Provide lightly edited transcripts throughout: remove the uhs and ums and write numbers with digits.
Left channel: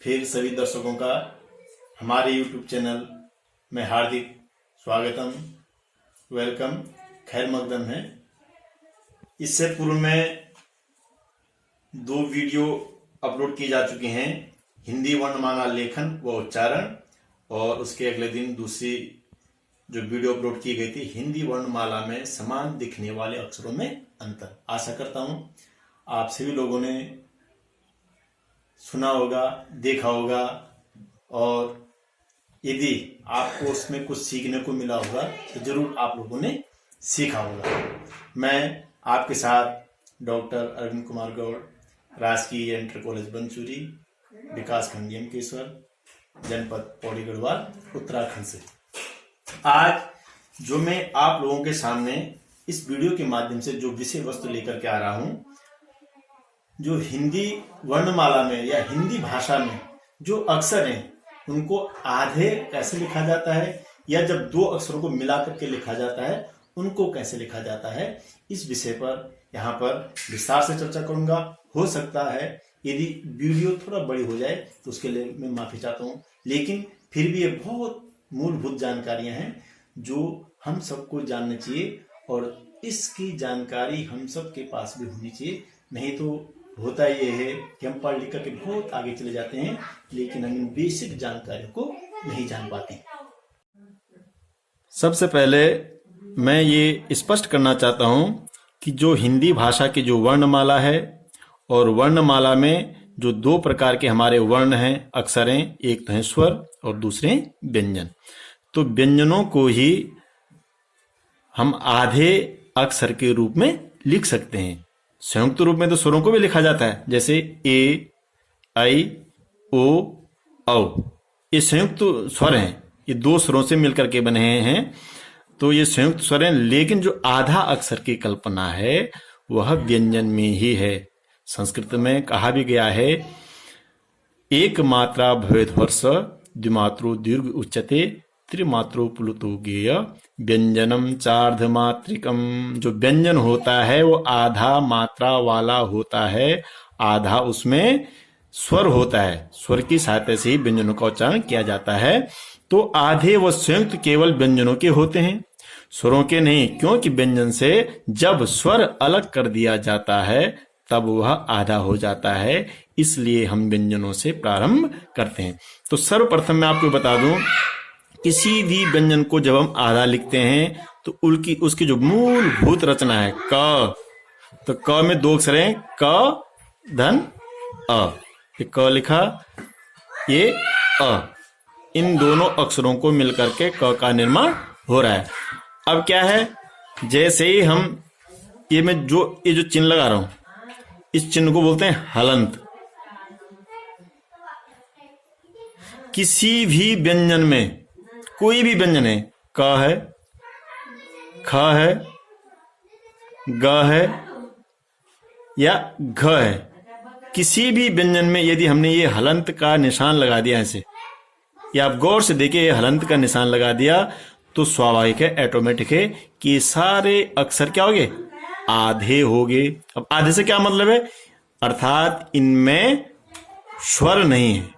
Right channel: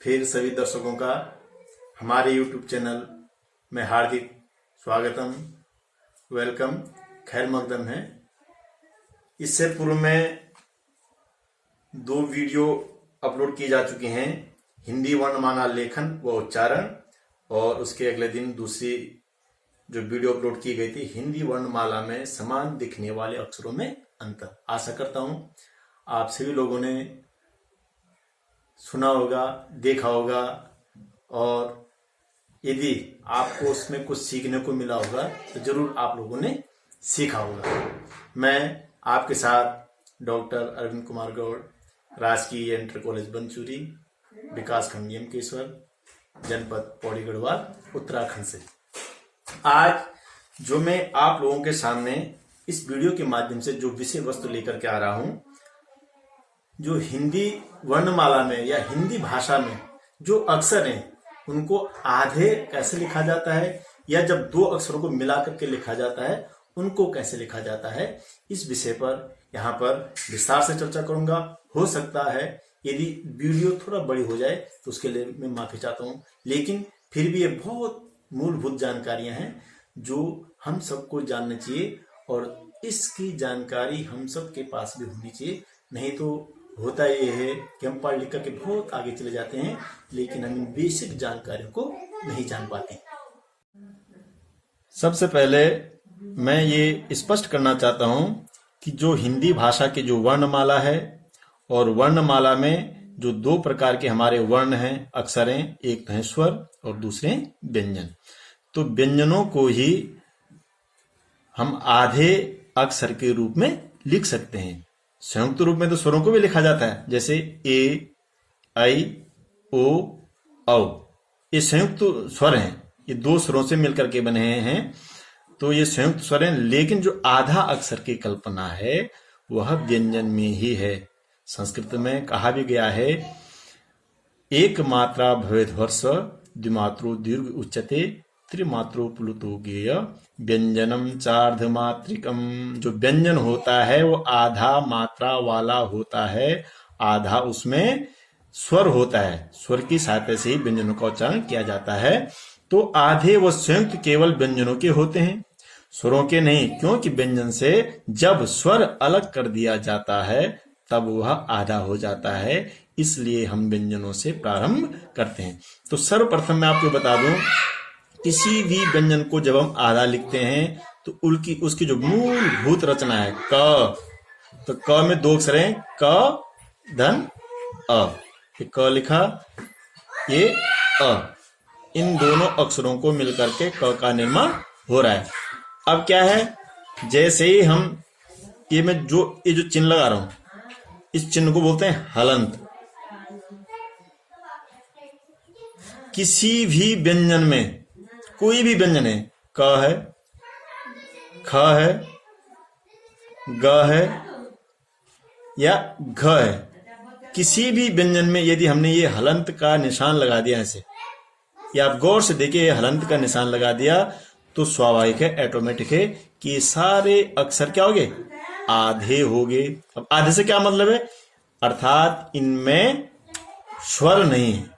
फिर सभी दर्शकों का हमारे YouTube चैनल में हार्दिक स्वागतम, वेलकम, खैर मकदम है। इससे पूर्व में 2 वीडियो अपलोड की जा चुकी हैं, हिंदी वर्णमाला लेखन व उच्चारण, और उसके अगले दिन दूसरी जो वीडियो अपलोड की गई थी, हिंदी वर्णमाला में समान दिखने वाले अक्षरों में अंतर। आशा करता हूं आप सभी लोगों ने सुना होगा, देखा होगा, और यदि आपको उसमें कुछ सीखने को मिला होगा तो जरूर आप लोगों ने सीखा होगा। मैं आपके साथ डॉक्टर अरविंद कुमार गौड़, राजकीय इंटर कॉलेज बनचूरी, विकास खंड यमकेश्वर, जनपद पौड़ी गढ़वाल, उत्तराखंड से आज जो मैं आप लोगों के सामने इस वीडियो के माध्यम से जो विषय वस्तु लेकर के आ रहा हूं, जो हिंदी वर्णमाला में या हिंदी भाषा में जो अक्षर हैं उनको आधे कैसे लिखा जाता है, या जब 2 अक्षरों को मिलाकर के लिखा जाता है उनको कैसे लिखा जाता है, इस विषय पर यहाँ पर विस्तार से चर्चा करूंगा। हो सकता है यदि वीडियो थोड़ा बड़ी हो जाए तो उसके लिए मैं माफी चाहता हूँ, लेकिन फिर भी ये बहुत मूलभूत जानकारियां हैं जो हम सबको जानना चाहिए, और इसकी जानकारी हम सबके पास भी होनी चाहिए। नहीं तो होता ये है कि हम पढ़ लिख करके बहुत आगे चले जाते हैं, लेकिन हम इन बेसिक जानकारियों को नहीं जान पाते। सबसे पहले मैं ये स्पष्ट करना चाहता हूं कि जो हिंदी भाषा की जो वर्णमाला है, और वर्णमाला में जो 2 प्रकार के हमारे वर्ण हैं, अक्षर हैं, एक तो है स्वर और दूसरे व्यंजन। तो व्यंजनों को ही हम आधे अक्षर के रूप में लिख सकते हैं। संयुक्त रूप में तो स्वरों को भी लिखा जाता है, जैसे ए, आई, ओ, औ। ये संयुक्त स्वर हैं, ये 2 स्वरों से मिलकर के बने हैं, तो ये संयुक्त स्वर हैं। लेकिन जो आधा अक्षर की कल्पना है वह व्यंजन में ही है। संस्कृत में कहा भी गया है, एक मात्रा भवेद वर्ष द्विमात्रो दीर्घ उच्यते त्रिमात्रो प्लुतो गेय व्यंजनम चार्धमात्रिकम। जो व्यंजन होता है वो आधा मात्रा वाला होता है, आधा उसमें स्वर होता है, स्वर की सहायता से ही व्यंजनों का उच्चारण किया जाता है। तो आधे वो संयुक्त केवल व्यंजनों के होते हैं, स्वरों के नहीं, क्योंकि व्यंजन से जब स्वर अलग कर दिया जाता है तब वह आधा हो जाता है, इसलिए हम व्यंजनों से प्रारंभ करते हैं। तो सर्वप्रथम मैं आपको बता दूं, किसी भी व्यंजन को जब हम आधा लिखते हैं तो उसकी जो मूलभूत रचना है क, तो क में 2 अक्षर हैं, क धन अ। ये क लिखा, ये अ, इन दोनों अक्षरों को मिलकर के क का निर्माण हो रहा है। अब क्या है, जैसे ही हम ये जो चिन्ह लगा रहा हूं, इस चिन्ह को बोलते हैं हलंत। किसी भी व्यंजन में, कोई भी व्यंजन है, क है, ख है, ग है या घ है, किसी भी व्यंजन में यदि हमने ये हलंत का निशान लगा दिया ऐसे, या आप गौर से देखिए हलंत का निशान लगा दिया, तो स्वाभाविक है, ऑटोमेटिक है कि सारे अक्षर क्या हो गए, आधे हो गए। अब आधे से क्या मतलब है, अर्थात इनमें स्वर नहीं है,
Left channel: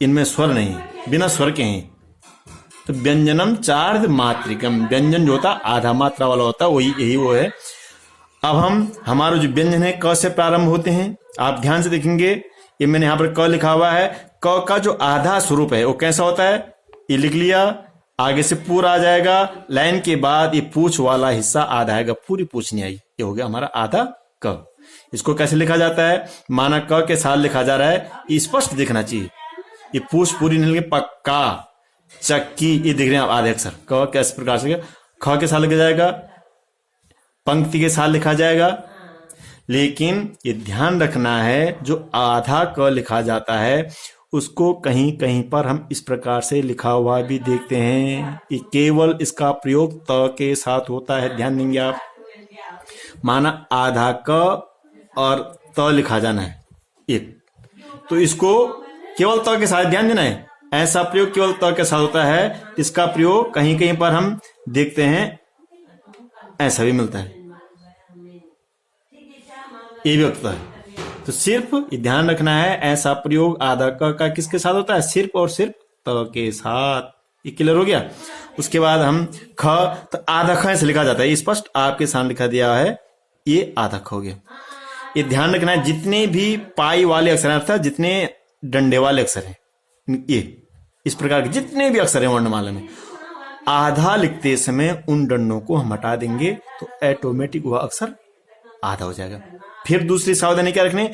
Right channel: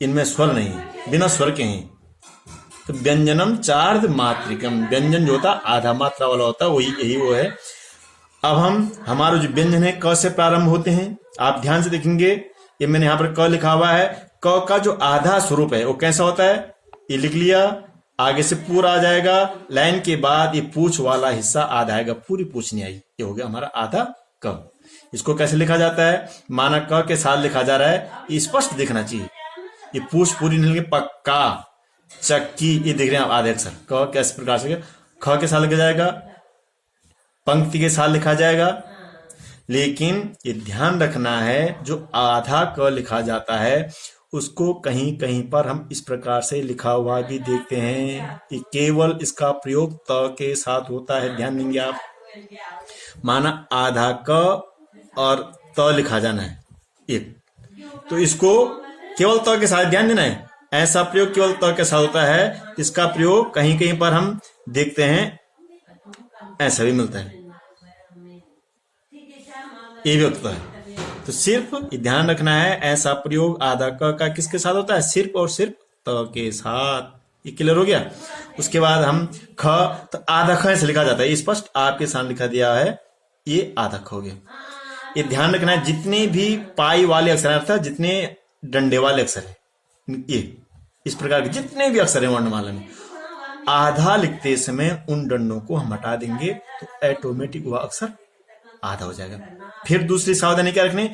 इनमें स्वर नहीं है, बिना स्वर के हैं। तो व्यंजनम चार्ध मात्रिकम, व्यंजन जो होता आधा मात्रा वाला होता, वही यही वो है। अब हमारा जो व्यंजन है क से प्रारंभ होते हैं। आप ध्यान से देखेंगे, ये मैंने यहाँ पर क लिखा हुआ है, क का जो आधा स्वरूप है वो कैसा होता है, ये लिख लिया, आगे से पूरा आ जाएगा, लाइन के बाद ये पूछ वाला हिस्सा आधा आएगा, पूरी पूछ नहीं आई, ये हो गया हमारा आधा क। इसको कैसे लिखा जाता है, माना क के साथ लिखा जा रहा है, ये स्पष्ट दिखना चाहिए, ये पूछ पूरी नहीं, पक्का, चक्की, ये देख रहे हैं आप आधे अक्षर। क कैसे प्रकार से, ख के साथ लिखा जाएगा, पंक्ति के साथ लिखा जाएगा। लेकिन ये ध्यान रखना है, जो आधा क लिखा जाता है उसको कहीं कहीं पर हम इस प्रकार से लिखा हुआ भी देखते हैं, ये केवल इसका प्रयोग त के साथ होता है। ध्यान देंगे आप, माना आधा क और त लिखा जाना है एक, तो इसको केवल त के साथ ध्यान देना है, ऐसा प्रयोग केवल त के साथ होता है। इसका प्रयोग कहीं कहीं पर हम देखते हैं ऐसा भी मिलता है, ये भी होता है। तो सिर्फ ये ध्यान रखना है, ऐसा प्रयोग आधा क का किसके साथ होता है? सिर्फ और सिर्फ त के साथ। ये क्लियर हो गया। उसके बाद हम ख, तो आधा ख ऐसे लिखा जाता है, स्पष्ट आपके सामने लिखा दिया है, ये आधा ख हो गया। ये ध्यान रखना है, जितने भी पाई वाले अक्षर हैं अर्थात जितने डंडे वाले अक्षर हैं, ये इस प्रकार के जितने भी अक्षर हैं वर्णमाला में, आधा लिखते समय उन डंडों को हम हटा देंगे तो ऑटोमेटिक वह अक्षर आधा हो जाएगा। फिर दूसरी सावधानी क्या रखनी,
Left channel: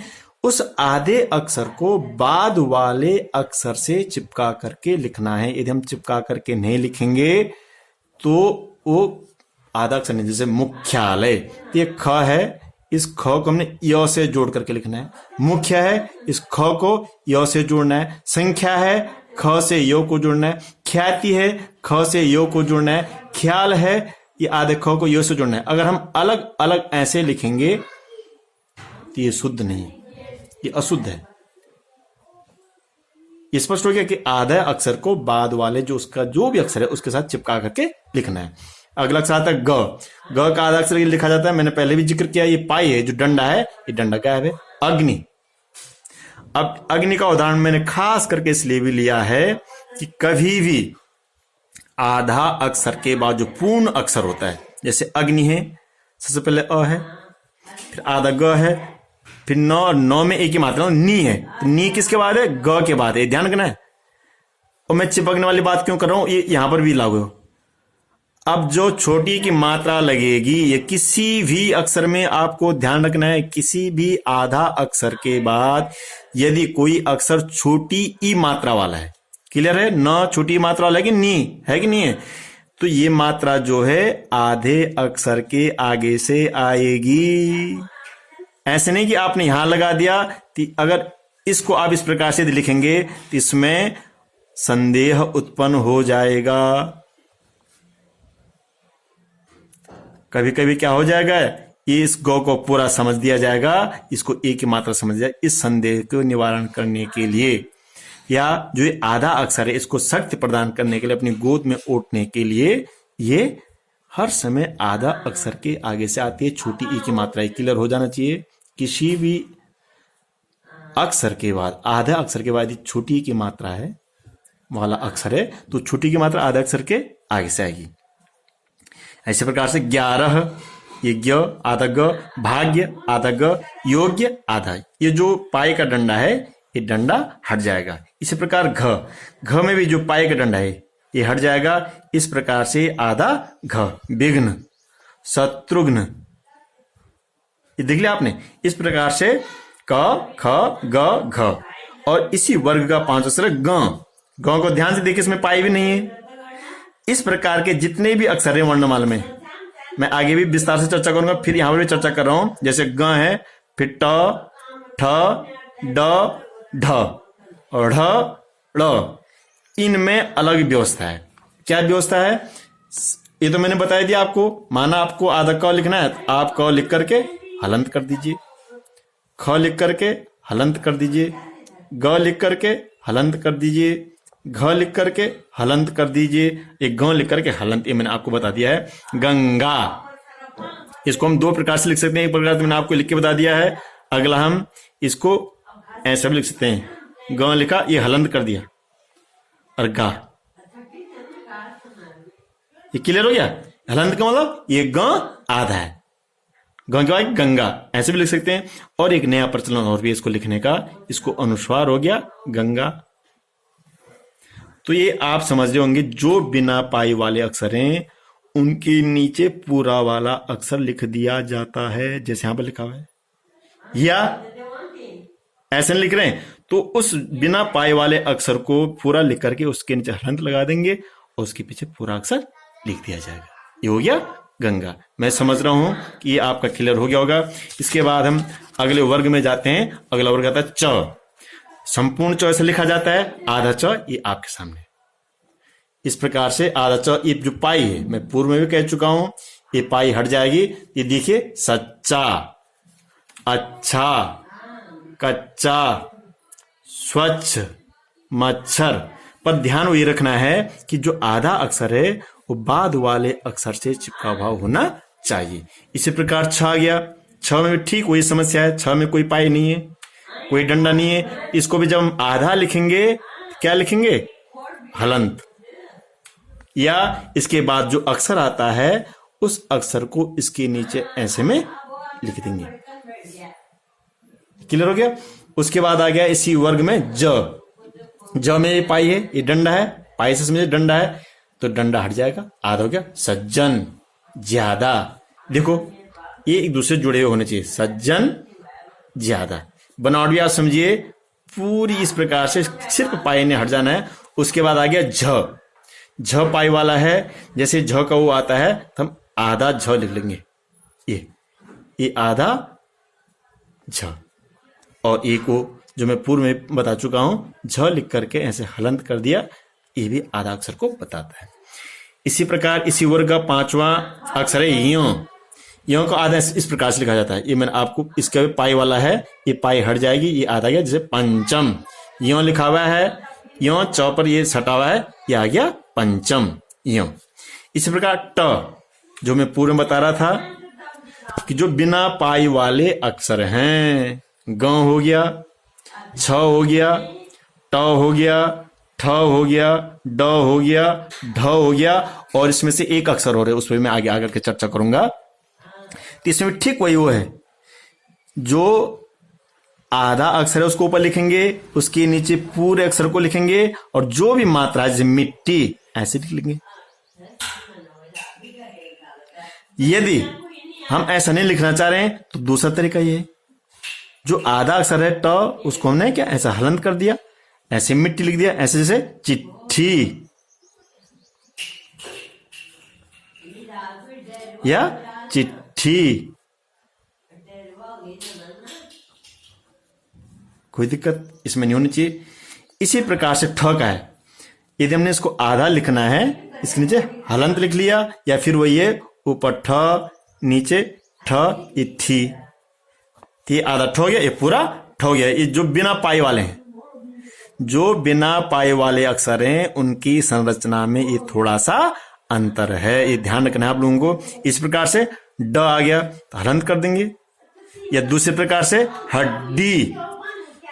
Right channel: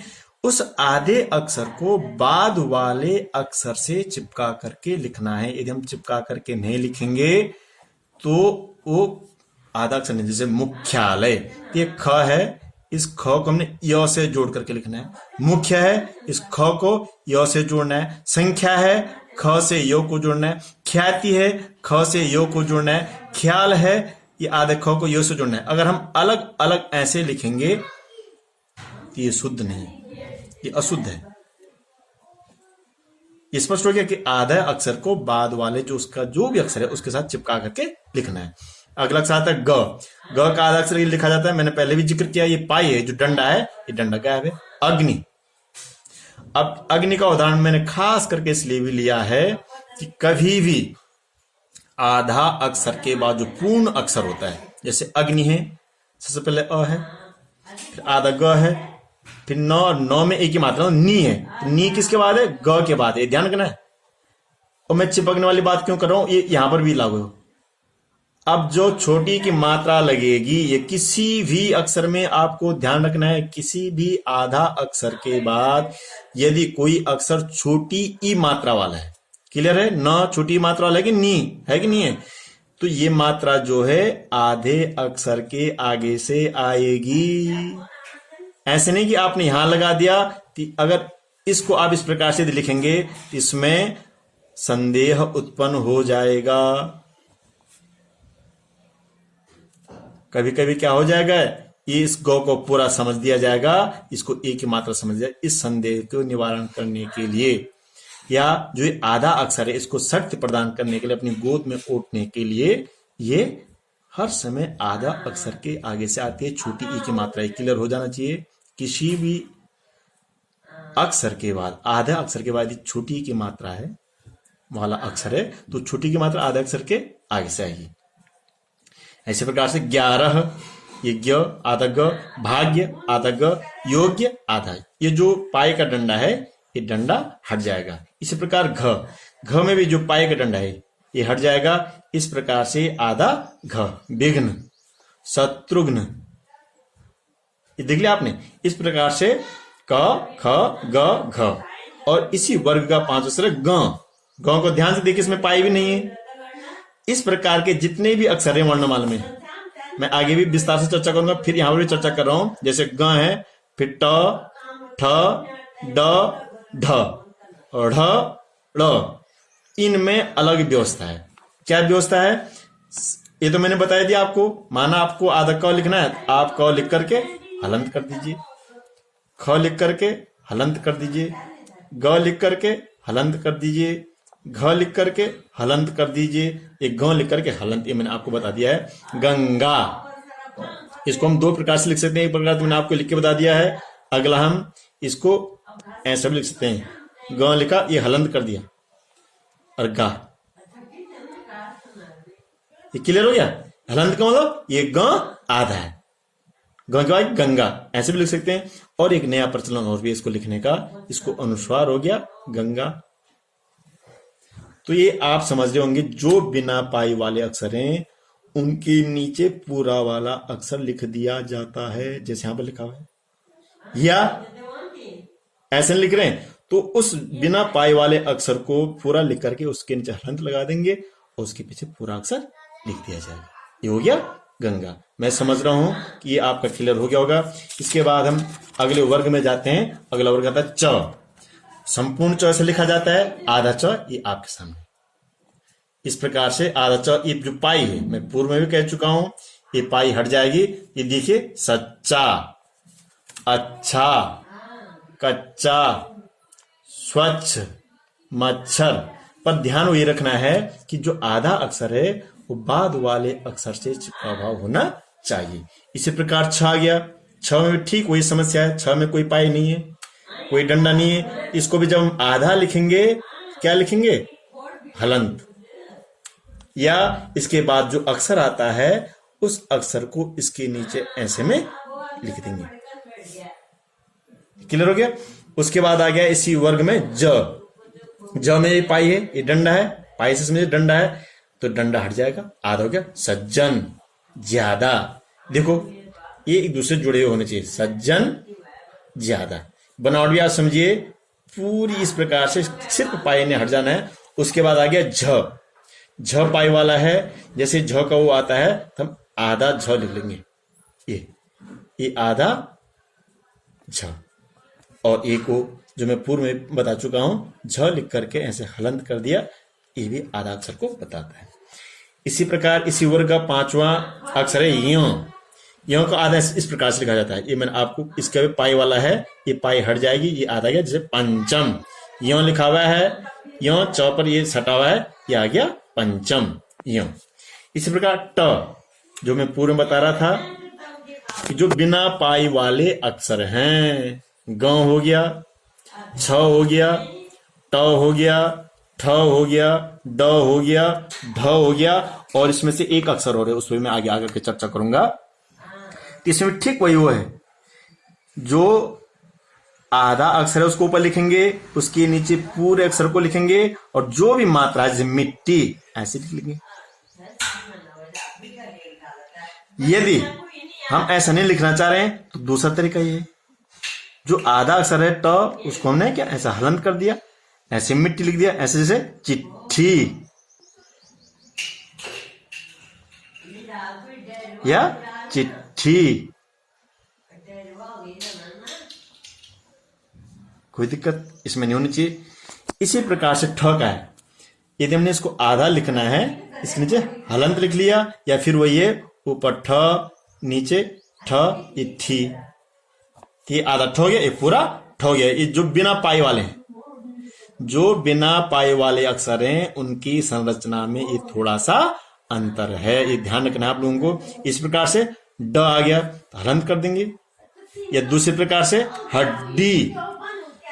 उस आधे अक्षर को बाद वाले अक्षर से चिपका करके लिखना है। यदि हम चिपका करके नहीं लिखेंगे तो वो आधा अक्षर नहीं। जैसे मुख्यालय, ये ख है, इस ख को हमने य से जोड़ करके लिखना है। मुख्य है, इस ख को य से जोड़ना है। संख्या है, ख से य को जोड़ना है। ख्याति है, ख से य को जोड़ना है। ख्याल है, ये आधे ख को य से जोड़ना है। अगर हम अलग अलग ऐसे लिखेंगे तो ये शुद्ध नहीं, ये अशुद्ध है। स्पष्ट हो गया कि आधे अक्षर को बाद वाले जो उसका जो भी अक्षर है उसके साथ चिपका करके लिखना है। अगला अक्षर आता है ग। ग का आधा अक्षर ये लिखा जाता है, मैंने पहले भी जिक्र किया, ये पाई है, जो डंडा है ये डंडा गायब है। अग्नि, अब अग्नि का उदाहरण मैंने खास करके इसलिए भी लिया है कि कभी भी आधा अक्षर के बाद जो पूर्ण अक्षर होता है, जैसे अग्नि है, सबसे पहले अ है, फिर आधा ग है, फिर नौ में एक ही मात्रा नी है, तो नी किसके बाद है? ग के बाद है। ध्यान रखना है। और मैं चिपकने वाली बात क्यों कर रहा हूं, ये यहां पर भी लागू है। अब जो छोटी की मात्रा लगेगी, ये किसी भी अक्षर में आपको ध्यान रखना है, किसी भी आधा अक्षर के बाद यदि कोई अक्षर छोटी ई मात्रा वाला है, क्लियर है? न छोटी मात्रा वाला है कि नी है कि नहीं है, तो ये मात्रा जो है आधे अक्षर के आगे से आएगी। ऐसे नहीं कि आपने यहां लगा दिया, अगर इसको आप इस प्रकार से लिखेंगे तो इसमें संदेह उत्पन्न हो जाएगा। कभी कभी क्या हो जाएगा, इस गौ को पूरा समझ दिया जाएगा, इसको एक ही मात्रा समझ दिया। इस संदेह को निवारण करने के लिए या जो ये आधा अक्षर है इसको शक्ति प्रदान करने के लिए, अपनी गोद में ओटने के लिए, ये हर समय आधा अक्षर के आगे से आती है छोटी ई की मात्रा। क्लियर हो जाना चाहिए। किसी भी अक्षर के बाद, आधा अक्षर के बाद छोटी की मात्रा है वाला अक्षर है तो छोटी की मात्रा आधा अक्षर के आगे से आएगी। ऐसे प्रकार से 11, ये ग आधा ग, भाग्य आधा ग, योग्य आधा, ये जो पाए का डंडा है ये डंडा हट जाएगा। इसी प्रकार घ में भी जो पाए का डंडा है ये हट जाएगा। इस प्रकार से आधा घ, विघ्न, शत्रुघ्न, ये देख लिया आपने। इस प्रकार से क, ख, ग, घ, और इसी वर्ग का 5 अक्षर ग। ग को ध्यान से देखिए, इसमें पाई भी नहीं है। इस प्रकार के जितने भी अक्षर हैं वर्णमाला में, मैं आगे भी विस्तार से चर्चा करूंगा, फिर यहां पर भी चर्चा कर रहा हूं। जैसे ग है, फिर ट, ठ, ड, ढ और ढ, ड़, इनमें अलग व्यवस्था है। क्या व्यवस्था है ये तो मैंने बताया दिया आपको। माना आपको आधा क लिखना है, आप क लिख करके हलंत कर दीजिए, ख लिख करके हलंत कर दीजिए, ग लिख करके हलंत कर दीजिए, घ लिख करके हलंत कर दीजिए, एक ग लिख करके हलंत, ये मैंने आपको बता दिया है। गंगा, इसको हम 2 प्रकार से लिख सकते हैं। एक प्रकार तो मैंने आपको लिख के बता दिया है। अगला हम इसको ऐसा भी लिख सकते हैं, ग लिखा, ये हलंत कर दिया, और गा, ये क्लियर हो गया। हलंत का मतलब ये ग आधा है, ग के बाद गंगा, ऐसे भी लिख सकते हैं। और एक नया प्रचलन और भी इसको लिखने का, इसको अनुस्वार हो गया गंगा। तो ये आप समझ रहे होंगे, जो बिना पाई वाले अक्षर हैं उनके नीचे पूरा वाला अक्षर लिख दिया जाता है, जैसे यहां पर लिखा हुआ है। या ऐसे लिख रहे हैं तो उस बिना पाई वाले अक्षर को पूरा लिख करके उसके नीचे हलंत लगा देंगे और उसके पीछे पूरा अक्षर लिख दिया जाएगा। ये हो गया गंगा। मैं समझ रहा हूं कि ये आपका क्लियर हो गया होगा। इसके बाद हम अगले वर्ग में जाते हैं। अगला वर्ग आता है च। संपूर्ण च ऐसे लिखा जाता है, आधा च ये आपके सामने इस प्रकार से। आधा च ये जो पाई है, मैं पूर्व में भी कह चुका हूं, ये पाई हट जाएगी। ये देखिए, सच्चा, अच्छा, कच्चा, स्वच्छ, मच्छर, पर ध्यान ये रखना है कि जो आधा अक्षर है वो बाद वाले अक्षर से चिपका हुआ होना चाहिए। इसी प्रकार छ आ गया। छ में भी ठीक वही समस्या है, छ में कोई पाई नहीं है। कोई डंडा नहीं है। इसको भी जब हम आधा लिखेंगे क्या लिखेंगे? हलंत। या इसके बाद जो अक्षर आता है उस अक्षर को इसके नीचे ऐसे में लिख देंगे। क्लियर हो गया? उसके बाद आ गया इसी वर्ग में ज में ये पाई है, ये डंडा है, पाई से में डंडा है तो डंडा हट जाएगा, आधा हो गया सज्जन, ज्यादा। देखो ये एक दूसरे जुड़े हुए होने चाहिए, सज्जन ज्यादा। बनावट भी आप समझिए पूरी इस प्रकार से, सिर्फ पाई ने हट जाना है। उसके बाद आ गया झ पाई वाला है, जैसे झ का वो आता है तो हम आधा झ लिख लेंगे, ये आधा झ। और एक को जो मैं पूर्व में बता चुका हूं, झ लिख करके ऐसे हलंत कर दिया, ये भी आधा अक्षर को बताता है। इसी प्रकार इसी वर्ग का पांचवा अक्षर है यो को आधा इस प्रकार से लिखा जाता है। ये मैंने आपको, इसका भी पाई वाला है, ये पाई हट जाएगी, ये आधा गया जैसे पंचम, यो लिखा हुआ है, यो चौ पर ये सटा हुआ है, ये आ गया पंचम यो। इसी प्रकार ट जो मैं पूर्व में बता रहा था कि जो बिना पाई वाले अक्षर हैं, ग हो गया, छ हो गया, ट हो गया, ठ हो गया, ड हो गया, ढ हो गया, और इसमें से एक अक्षर हो रहा है, उस पर मैं आगे आकर के चर्चा करूंगा। तो इसमें ठीक वही वो है, जो आधा अक्षर है उसको ऊपर लिखेंगे, उसके नीचे पूरे अक्षर को लिखेंगे, और जो भी मात्रा जैसे मिट्टी ऐसे लिख लेंगे। यदि हम ऐसा नहीं लिखना चाह रहे हैं तो दूसरा तरीका ये है, जो आधा अक्षर है ट, उसको हमने क्या ऐसा हलंत कर दिया, ऐसे मिट्टी लिख दिया, ऐसे जैसे चिट्ठी या चिट्ठी। कोई दिक्कत इसमें नहीं होनी चाहिए। इसी प्रकार से ठ का है, यदि हमने इसको आधा लिखना है, इसके नीचे हलंत लिख लिया, या फिर वही है ऊपर ठ नीचे ठ, ये थी, ये आधा ठ हो गया, ये पूरा ठ हो गया। ये जो बिना पाई वाले हैं, जो बिना पाई वाले अक्षर हैं, उनकी संरचना में ये थोड़ा सा अंतर है, ये ध्यान रखना है आप लोगों को। इस प्रकार से ड आ गया तो हलंत कर देंगे, या दूसरे प्रकार से हड्डी,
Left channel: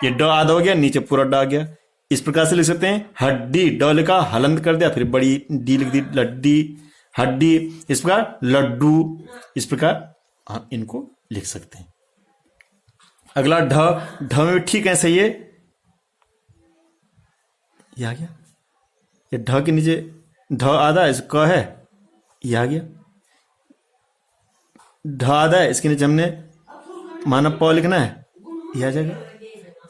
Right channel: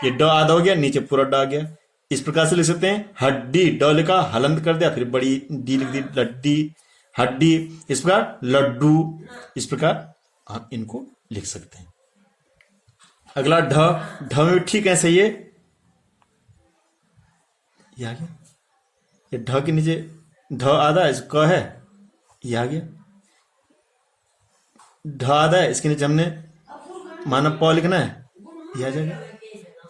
ये ड आधा हो गया, नीचे पूरा ड आ गया। इस प्रकार से लिख सकते हैं हड्डी, ड लिखा हलंत कर दिया, फिर बड़ी डी लिख दी, लड्डी, हड्डी। इस प्रकार लड्डू, इस प्रकार हम इनको लिख सकते हैं। अगला ढ में भी ठीक है, सही है, ये आ गया, ये ढ के नीचे ढ आधा है, क है, ये आ गया। ढ आधा है, इसके नीचे हमने माना प लिखना है, ये आ जाएगा,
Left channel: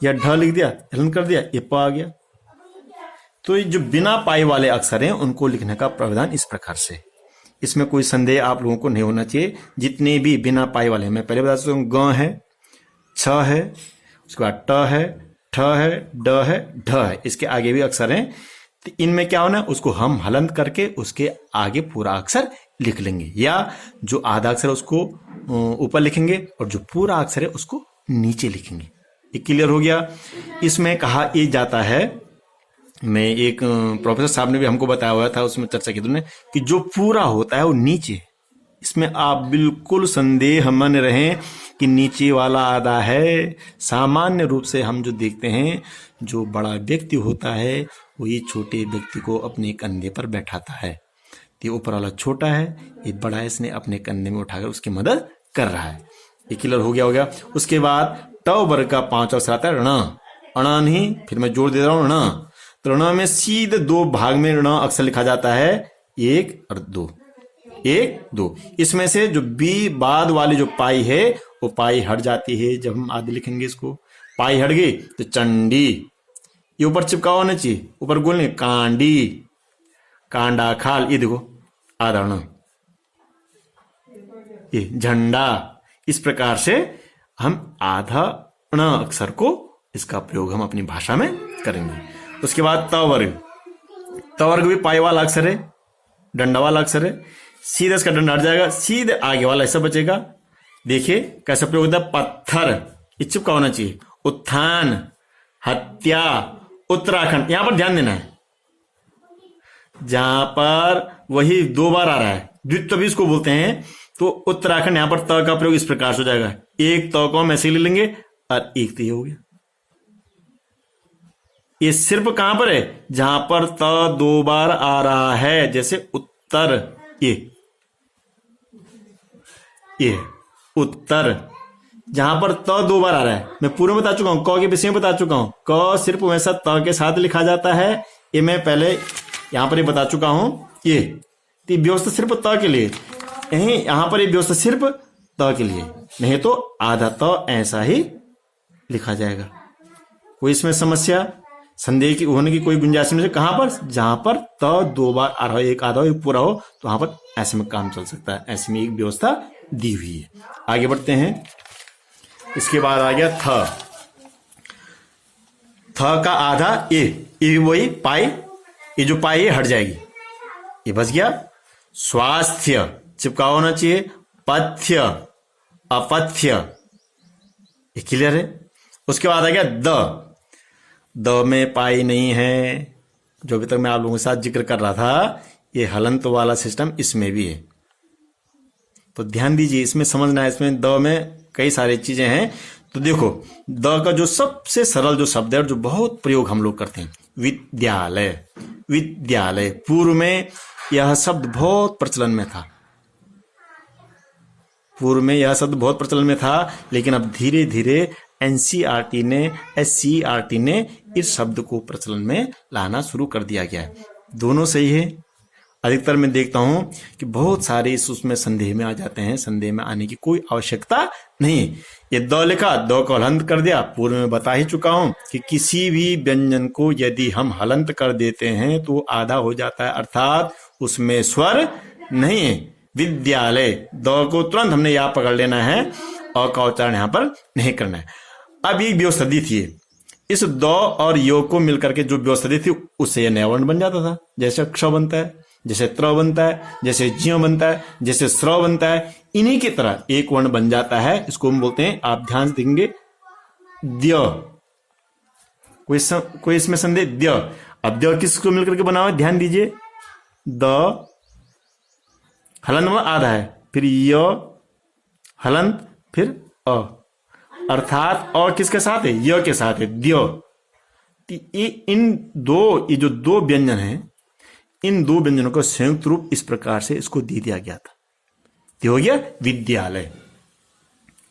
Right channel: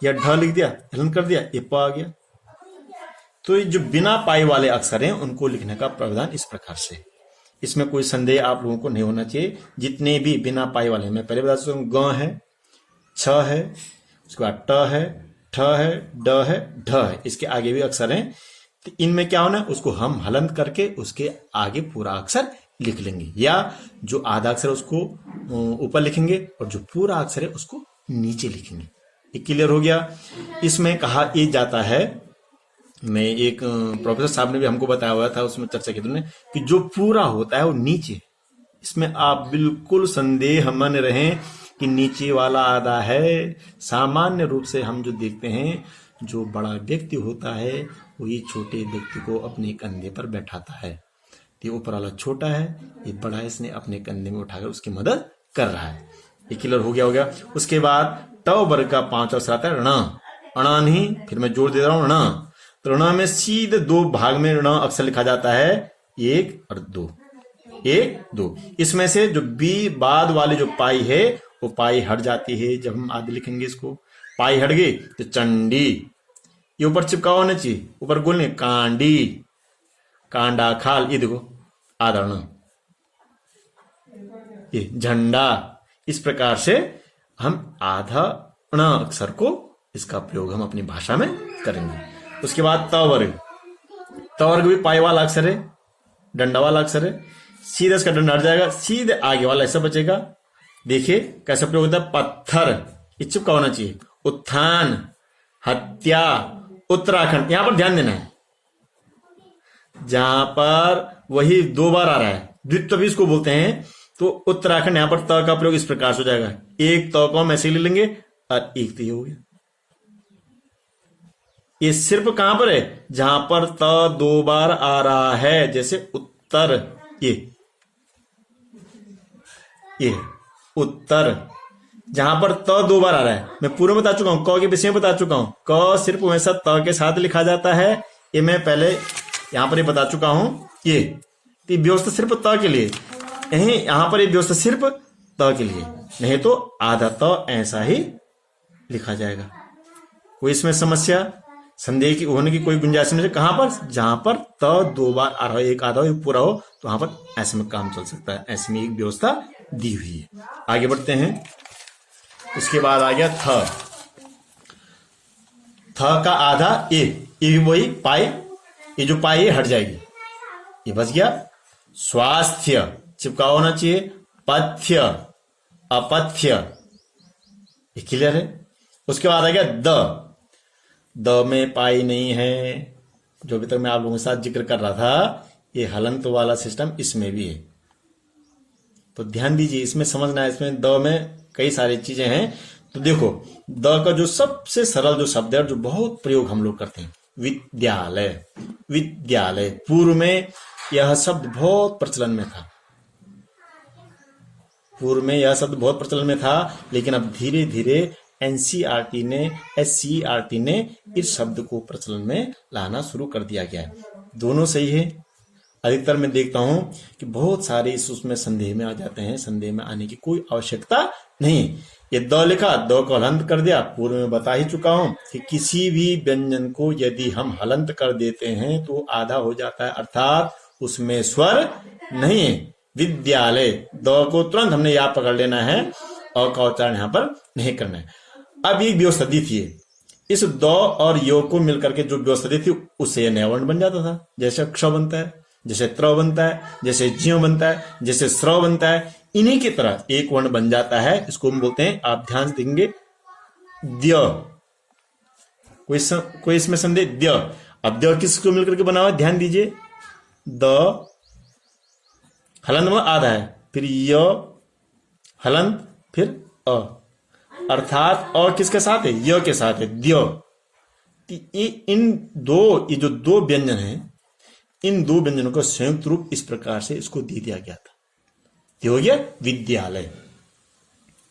या ढ लिख दिया, हलन कर दिया, ये प आ गया। तो ये जो बिना पाई वाले अक्षर हैं उनको लिखने का प्रावधान इस प्रकार से, इसमें कोई संदेह आप लोगों को नहीं होना चाहिए। जितने भी बिना पाई वाले, मैं पहले बता सकता हूँ, ग है, छ है, उसके बाद ट है, ठ है, ड है, ढ है, इसके आगे भी अक्षर हैं। तो इनमें क्या होना है, उसको हम हलंत करके उसके आगे पूरा अक्षर लिख लेंगे, या जो आधा अक्षर है उसको ऊपर लिखेंगे और जो पूरा अक्षर है उसको नीचे लिखेंगे। ये क्लियर हो गया। इसमें कहा ये जाता है, मैं एक प्रोफेसर साहब ने भी हमको बताया हुआ था, उसमें चर्चा की तुमने, कि जो पूरा होता है वो नीचे, इसमें आप बिल्कुल संदेह मन रहें कि नीचे वाला आधा है। सामान्य रूप से हम जो देखते हैं, जो बड़ा व्यक्ति होता है वो ये छोटे व्यक्ति को अपने कंधे पर बैठाता है, ये ऊपर वाला छोटा है, ये बड़ा है, इसने अपने कंधे में उठाकर उसकी मदद कर रहा है। ये क्लियर हो गया। उसके बाद ट वर्ग का 5 अक्षर आता है ण, अणा नहीं, फिर मैं जोड़ दे रहा हूं ण। तो ण में सीधे 2 भाग में ण अक्षर लिखा जाता है, 1 और 2, 1 2। इसमें से जो बी बाद वाली जो पाई है वो पाई हट जाती है, जब हम आदि लिखेंगे इसको, पाई हट गई तो चंडी, ये ऊपर चिपका होना चाहिए, ऊपर गोल नहीं, कांडी, कांडा खाल, ये देखो आधा ण, ये झंडा। इस प्रकार से हम आधा ण अक्षर को, इसका प्रयोग हम अपनी भाषा में करेंगे। उसके बाद त वर्ग भी पाई वाला अक्षर है, डंडा वाला अक्षर है, सीधे इसका डंडा हट जाएगा, सीधे आगे वाला ऐसा बचेगा। देखिए कैसा प्रयोग होता है, पत्थर, ये चिपका होना चाहिए, उत्थान, हत्या, उत्तराखंड। यहां पर ध्यान देना है, जहां पर वही 2 बार आ रहा है, द्वित्व भी इसको बोलते हैं, तो उत्तराखंड, यहां पर त का प्रयोग इस प्रकार से हो जाएगा, एक त को हम ऐसे ले लेंगे और एक तो ये हो गया, ये सिर्फ कहां पर है? जहां पर त 2 बार आ रहा है, जैसे उत्तर, ये उत्तर, जहां पर त 2 बार आ रहा है। मैं पूर्व में बता चुका हूं, क के विषय में बता चुका हूं। क सिर्फ वैसा त के साथ लिखा जाता है, ये मैं पहले यहां पर ये बता चुका हूं। ये व्यवस्था सिर्फ त के लिए, नहीं यहां पर ये व्यवस्था सिर्फ त के लिए, नहीं तो आधा त ऐसा ही लिखा जाएगा। कोई इसमें समस्या संदेह की होने की कोई गुंजाइश नहीं है। कहां पर? जहां पर त 2 बार आ रहा हो, एक आधा हो एक पूरा हो, तो वहां पर ऐसे में काम चल सकता है। ऐसे में एक व्यवस्था दी हुई है। आगे बढ़ते हैं। इसके बाद आ गया थ। थ का आधा ए, ये वही पाई, ये जो पाई हट जाएगी, ये बच गया। स्वास्थ्य चिपका होना चाहिए। पथ्य, अपथ्य, ये क्लियर है। उसके बाद आ गया द। द में पाई नहीं है, जो अभी तक मैं आप लोगों के साथ जिक्र कर रहा था, ये हलंत वाला सिस्टम इसमें भी है। तो ध्यान दीजिए, इसमें समझना है। इसमें द में कई सारी चीजें हैं। तो देखो, द का जो सबसे सरल जो शब्द है और जो बहुत प्रयोग हम लोग करते हैं, विद्यालय। विद्यालय, पूर्व में यह शब्द बहुत प्रचलन में था। पूर्व में यह शब्द बहुत प्रचलन में था, लेकिन अब धीरे धीरे एनसीईआरटी ने, एससीईआरटी ने इस शब्द को प्रचलन में लाना शुरू कर दिया गया है। दोनों सही है। अधिकतर मैं देखता हूं कि बहुत सारे उसमें संदेह में आ जाते हैं। संदेह में आने की कोई आवश्यकता नहीं है। ये द लिखा, द को हलंत कर दिया। पूर्व में बता ही चुका हूं कि किसी भी व्यंजन को यदि हम हलंत कर देते हैं तो आधा हो जाता है, अर्थात उसमें स्वर नहीं है। विद्यालय, द को तुरंत हमने यहां पकड़ लेना है और का उच्चारण यहां पर नहीं करना है। अब ये व्यवस्था दी थी, इस द और यो को मिलकर के जो व्यवस्था दी थी, उससे नया वर्ण बन जाता था। जैसे क्ष बनता है, जैसे त्र बनता है, जैसे ज्य बनता है, जैसे स्र बनता है, इन्हीं की तरह एक वर्ण बन जाता है। इसको हम बोलते हैं, आप ध्यान देंगे, द्य। कोई इसमें संदेह? द्य। अब द्य किसको मिलकर के बना हुआ? ध्यान दीजिए, द हलंत में आधा है, फिर य हलंत, फिर अ, अर्थात अ किसके साथ है? य के साथ है, द्य। ये जो दो व्यंजन हैं, इन दो व्यंजनों का संयुक्त रूप इस प्रकार से इसको दे दिया गया था। ये हो गया विद्यालय।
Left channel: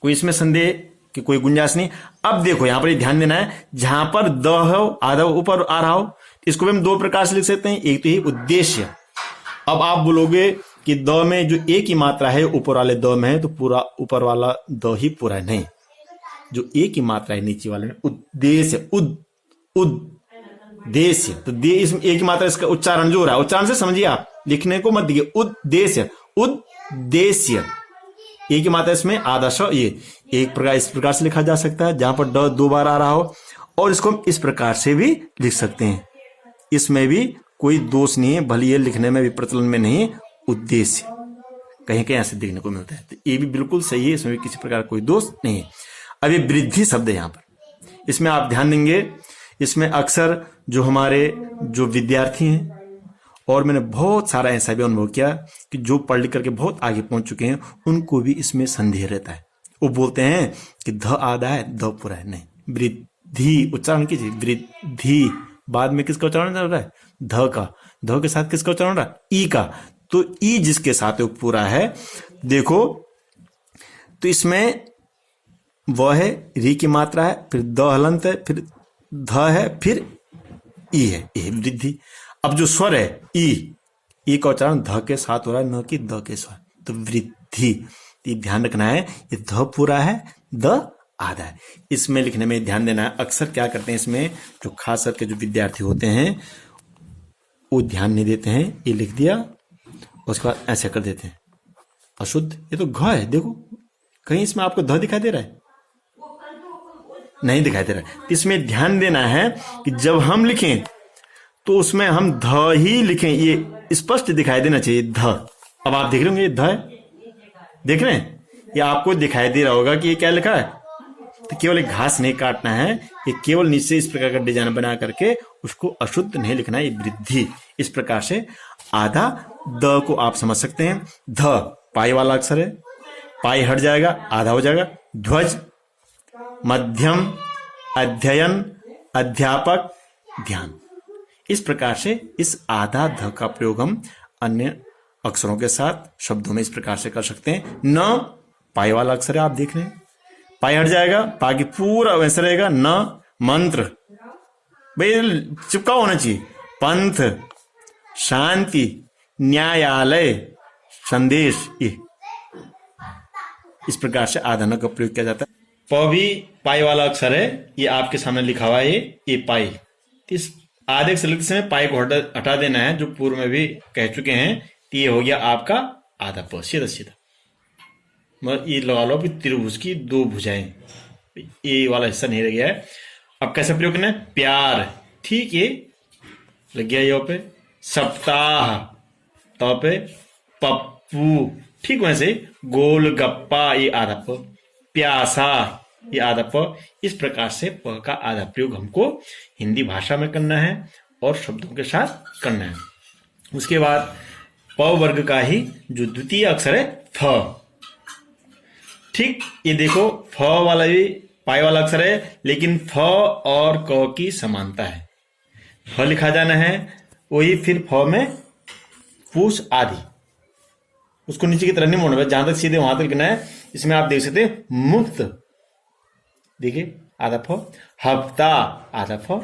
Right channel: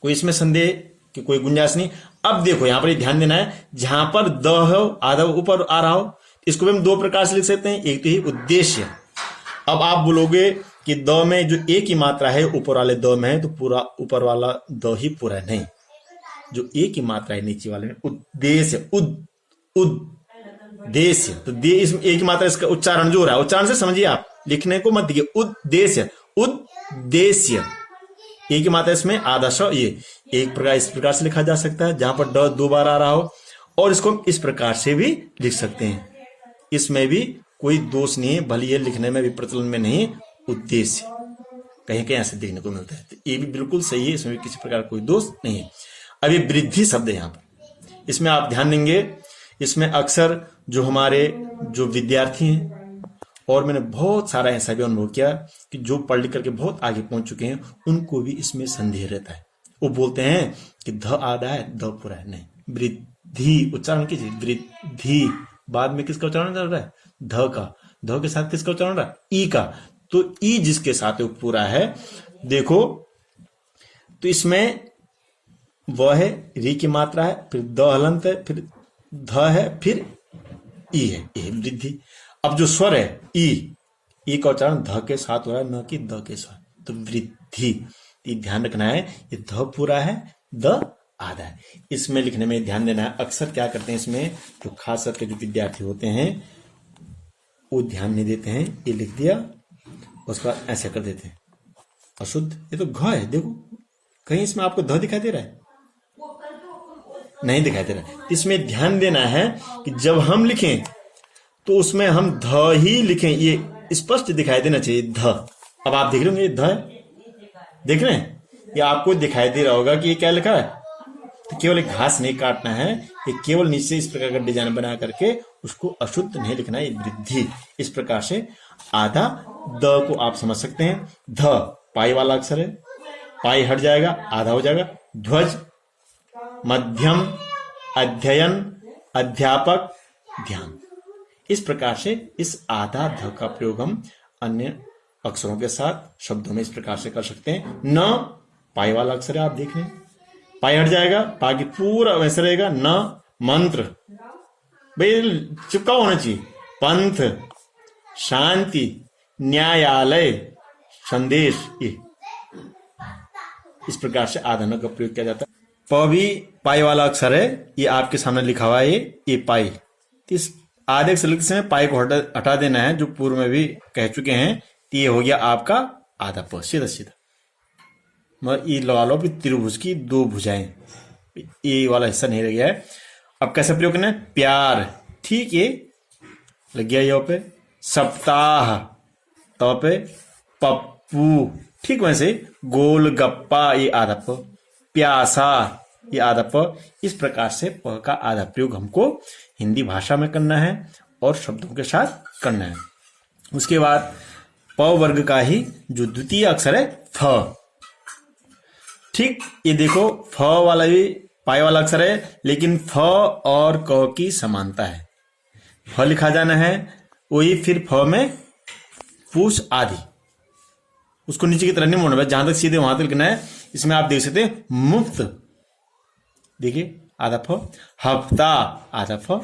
कोई इसमें संदेह कि कोई गुंजाइश नहीं। अब देखो, यहां पर ध्यान देना है, जहां पर द हो, आधा ऊपर आ रहा हो, इसको भी हम दो प्रकार से लिख सकते हैं। एक तो ही उद्देश्य। अब आप बोलोगे कि द में जो एक ही मात्रा है ऊपर वाले द में है, तो पूरा ऊपर वाला द ही पूरा है। नहीं, जो एक ही मात्रा है नीचे वाले में, उद्देश्य, उद्देश्य। तो दे इसमें एक ही मात्रा, इसका उच्चारण जो हो रहा है, उच्चारण से समझिए आप, लिखने को मत दिए। उद्देश्य, उद्देश्य, एक ही मात्रा इसमें आधा श। ये एक प्रकार इस प्रकार से लिखा जा सकता है, जहां पर ड 2 बार आ रहा हो, और इसको हम इस प्रकार से भी लिख सकते हैं। इसमें भी कोई दोष नहीं है, भले ये लिखने में भी प्रचलन में नहीं है। उद्देश्य कहीं कहीं ऐसे देखने को मिलता है, तो ये भी बिल्कुल सही है, इसमें भी किसी प्रकार कोई दोष नहीं है। अब ये वृद्धि शब्द है, यहां पर इसमें आप ध्यान देंगे, इसमें अक्सर जो हमारे जो विद्यार्थी हैं, और मैंने बहुत सारा ऐसा भी अनुभव किया कि जो पढ़ लिख करके बहुत आगे पहुंच चुके हैं, उनको भी इसमें संदेह रहता है। वो बोलते हैं कि ध आधा है, ध पूरा है। नहीं, वृद्धि उच्चारण कीजिए, वृद्धि। बाद में किसका उच्चारण चल रहा है? ध का। ध के साथ किसका उच्चारण रहा है? ई का। तो ई जिसके साथ पूरा है, देखो, तो इसमें वह है, री की मात्रा है, फिर द हलंत है, फिर ध है, फिर ई है, ये वृद्धि। अब जो स्वर है ई का उच्चारण ध के साथ हो रहा है, न कि द के साथ, तो वृद्धि। ये ध्यान रखना है, ये ध पूरा है, द आधा है। इसमें लिखने में ध्यान देना है। अक्सर क्या करते हैं, इसमें जो खास करके जो विद्यार्थी होते हैं, वो ध्यान नहीं देते हैं, ये लिख दिया, उसके बाद ऐसे कर देते हैं, अशुद्ध। ये तो घ है, देखो कहीं इसमें आपको ध दिखाई दे रहा है? नहीं दिखाई दे रहा है। इसमें ध्यान देना है कि जब हम लिखें तो उसमें हम ध ही लिखें, ये स्पष्ट दिखाई देना चाहिए, ध। अब आप देख रहे होंगे, ये ध है, देख रहे हैं? ये आपको दिखाई दे रहा होगा कि ये क्या लिखा है। तो केवल एक घास नहीं काटना है, ये केवल नीचे इस प्रकार का डिजाइन बना करके उसको अशुद्ध नहीं लिखना है, ये वृद्धि। इस प्रकार से आधा द को आप समझ सकते हैं। ध पाई वाला अक्षर है, पाई हट जाएगा, आधा हो जाएगा। ध्वज, मध्यम, अध्ययन, अध्यापक, ध्यान। इस प्रकार से इस आधा ध का प्रयोग हम अन्य अक्षरों के साथ शब्दों में इस प्रकार से कर सकते हैं। न पाई वाला अक्षर है, आप देख रहे हैं, पाई हट जाएगा, बाकी पूरा वैसे रहेगा। न मंत्र, भाई चिपका होना चाहिए। पंथ, शांति, न्यायालय, संदेश, ये इस प्रकार से आधा न का प्रयोग किया जाता है। प भी पाई वाला अक्षर है, ये आपके सामने लिखा हुआ है, ये पाई। इस आधे अक्षर लिखते समय पाई को हटा देना है, जो पूर्व में भी कह चुके हैं। तो ये हो गया आपका आधा प, सीधा सीधा। मगर ये लगा लो भी त्रिभुज की दो भुजाएं, ये वाला हिस्सा नहीं रह गया है। अब कैसे प्रयोग करना है? प्यार, ठीक, ये लग गया यहाँ पे। सप्ताह, तो पे पप्पू, ठीक वैसे। गोलगप्पा, ये आधा प। प्यासा, ये आधा प। इस प्रकार से प का आधा प्रयोग हमको हिंदी भाषा में करना है और शब्दों के साथ करना है। उसके बाद प वर्ग का ही जो द्वितीय अक्षर है फ, ठीक, ये देखो फ वाला भी पाई वाला अक्षर है, लेकिन फ और क की समानता है। फ लिखा जाना है, वही फिर फ में पूछ आदि, उसको नीचे की तरफ नहीं मोड़ना, जहां तक सीधे वहां तक लिखना है। इसमें आप देख सकते हैं मुफ्त, देखिए आधा फ। हफ्ता, आधा फ।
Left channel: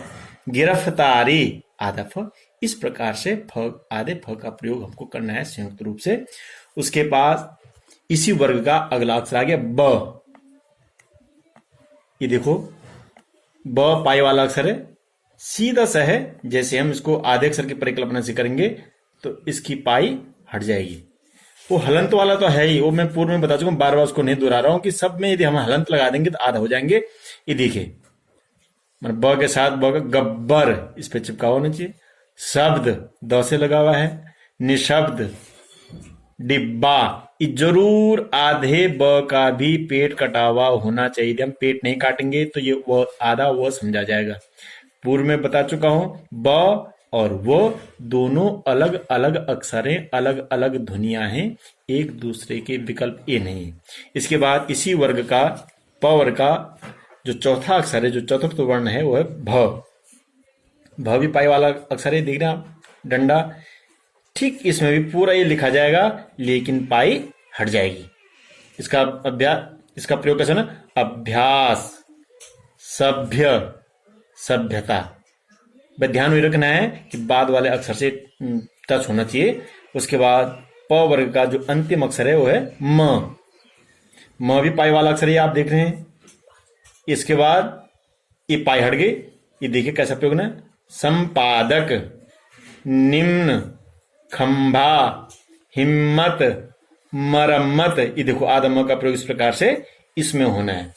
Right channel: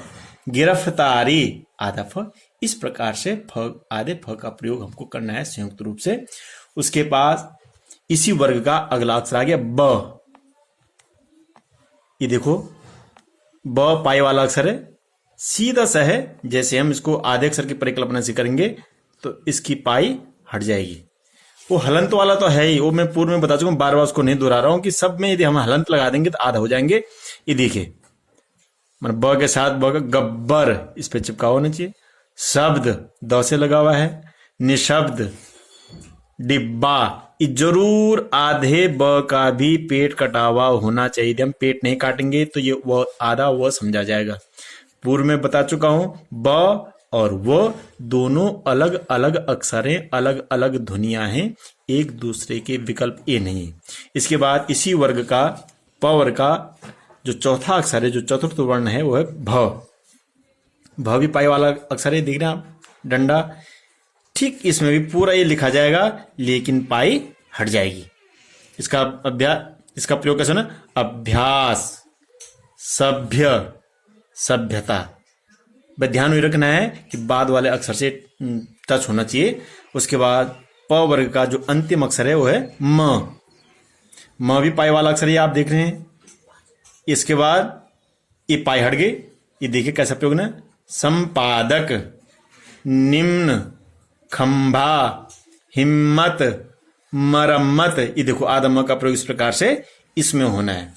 गिरफ्तारी, आधा फ। इस प्रकार से फ, आधे फ का प्रयोग हमको करना है संयुक्त रूप से। उसके पास इसी वर्ग का अगला अक्षर आ गया ब। ये देखो ब पाई वाला अक्षर है, सीधा सा है। जैसे हम इसको आधे अक्षर की परिकल्पना से करेंगे तो इसकी पाई हट जाएगी। वो हलंत वाला तो है ही, वो मैं पूर्व में बता चुका हूं, बार बार उसको नहीं दोहरा रहा हूं कि सब में यदि हम हलंत लगा देंगे तो आधा हो जाएंगे। ये देखिए, मतलब ब के साथ ब का गब्बर, इस पे चिपका होना चाहिए। शब्द, द से लगा हुआ है। निशब्द, डिब्बा, जरूर आधे ब का भी पेट कटा हुआ होना चाहिए। यदि हम पेट नहीं काटेंगे तो ये वह आधा वह समझा जाएगा। पूर्व में बता चुका हूं, ब और वो दोनों अलग अलग अक्षरें, अलग अलग ध्वनियां हैं, एक दूसरे के विकल्प ये नहीं है। इसके बाद इसी वर्ग का प वर्ग का जो चौथा अक्षर है, जो चतुर्थ वर्ण है, वो है भ। भ भी पाई वाला अक्षर है, दिख रहा है डंडा, ठीक। इसमें भी पूरा ये लिखा जाएगा, लेकिन पाई हट जाएगी। इसका इसका प्रयोग कैसे ना? अभ्यास, सभ्य, सभ्यता। ध्यान में रखना है कि बाद वाले अक्षर से टच होना चाहिए। उसके बाद प वर्ग का जो अंतिम अक्षर है वो है म। म भी पाई वाला अक्षर है, आप देख रहे हैं। इसके बाद ये पाई हट गई, ये देखिए कैसा प्रयोग ना? संपादक, निम्न, खंभा, हिम्मत, मरम्मत। ये देखो आधा म का प्रयोग इस प्रकार से इसमें होना है।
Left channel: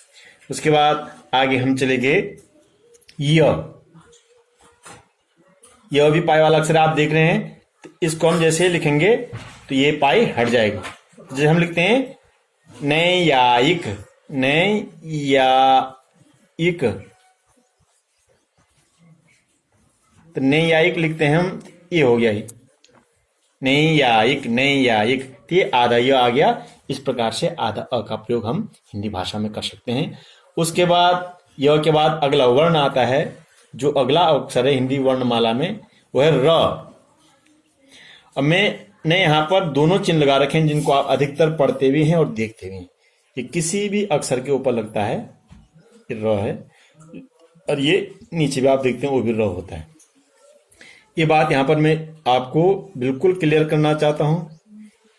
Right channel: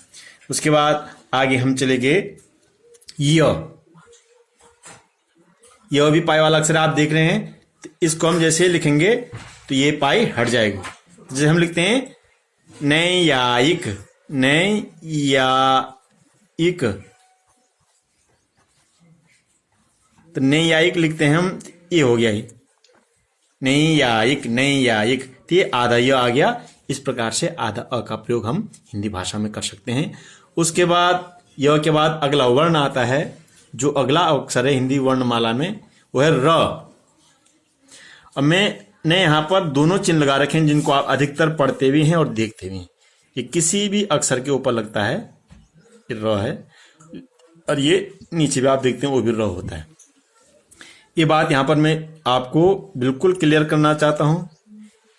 उसके बाद आगे हम चले गए यह भी पाई वाला अक्षर आप देख रहे हैं। तो इसको हम जैसे लिखेंगे तो ये पाई हट जाएगा। जैसे हम लिखते हैं नैयायिक, नैयायिक, तो नैयायिक लिखते हैं हम, ये हो गया ही नैयायिक, नैयायिक। तो ये आधा यह आ गया। इस प्रकार से आधा अ का प्रयोग हम हिंदी भाषा में कर सकते हैं। उसके बाद यह के बाद अगला वर्ण आता है, जो अगला अक्षर है हिंदी वर्णमाला में, वो है र। अब मैंने यहां पर दोनों चिन्ह लगा रखे हैं, जिनको आप अधिकतर पढ़ते भी हैं और देखते भी हैं। ये किसी भी अक्षर के ऊपर लगता है, ये र है, और ये नीचे भी आप देखते हैं वो भी र होता है। ये बात यहां पर मैं आपको बिल्कुल क्लियर करना चाहता हूं,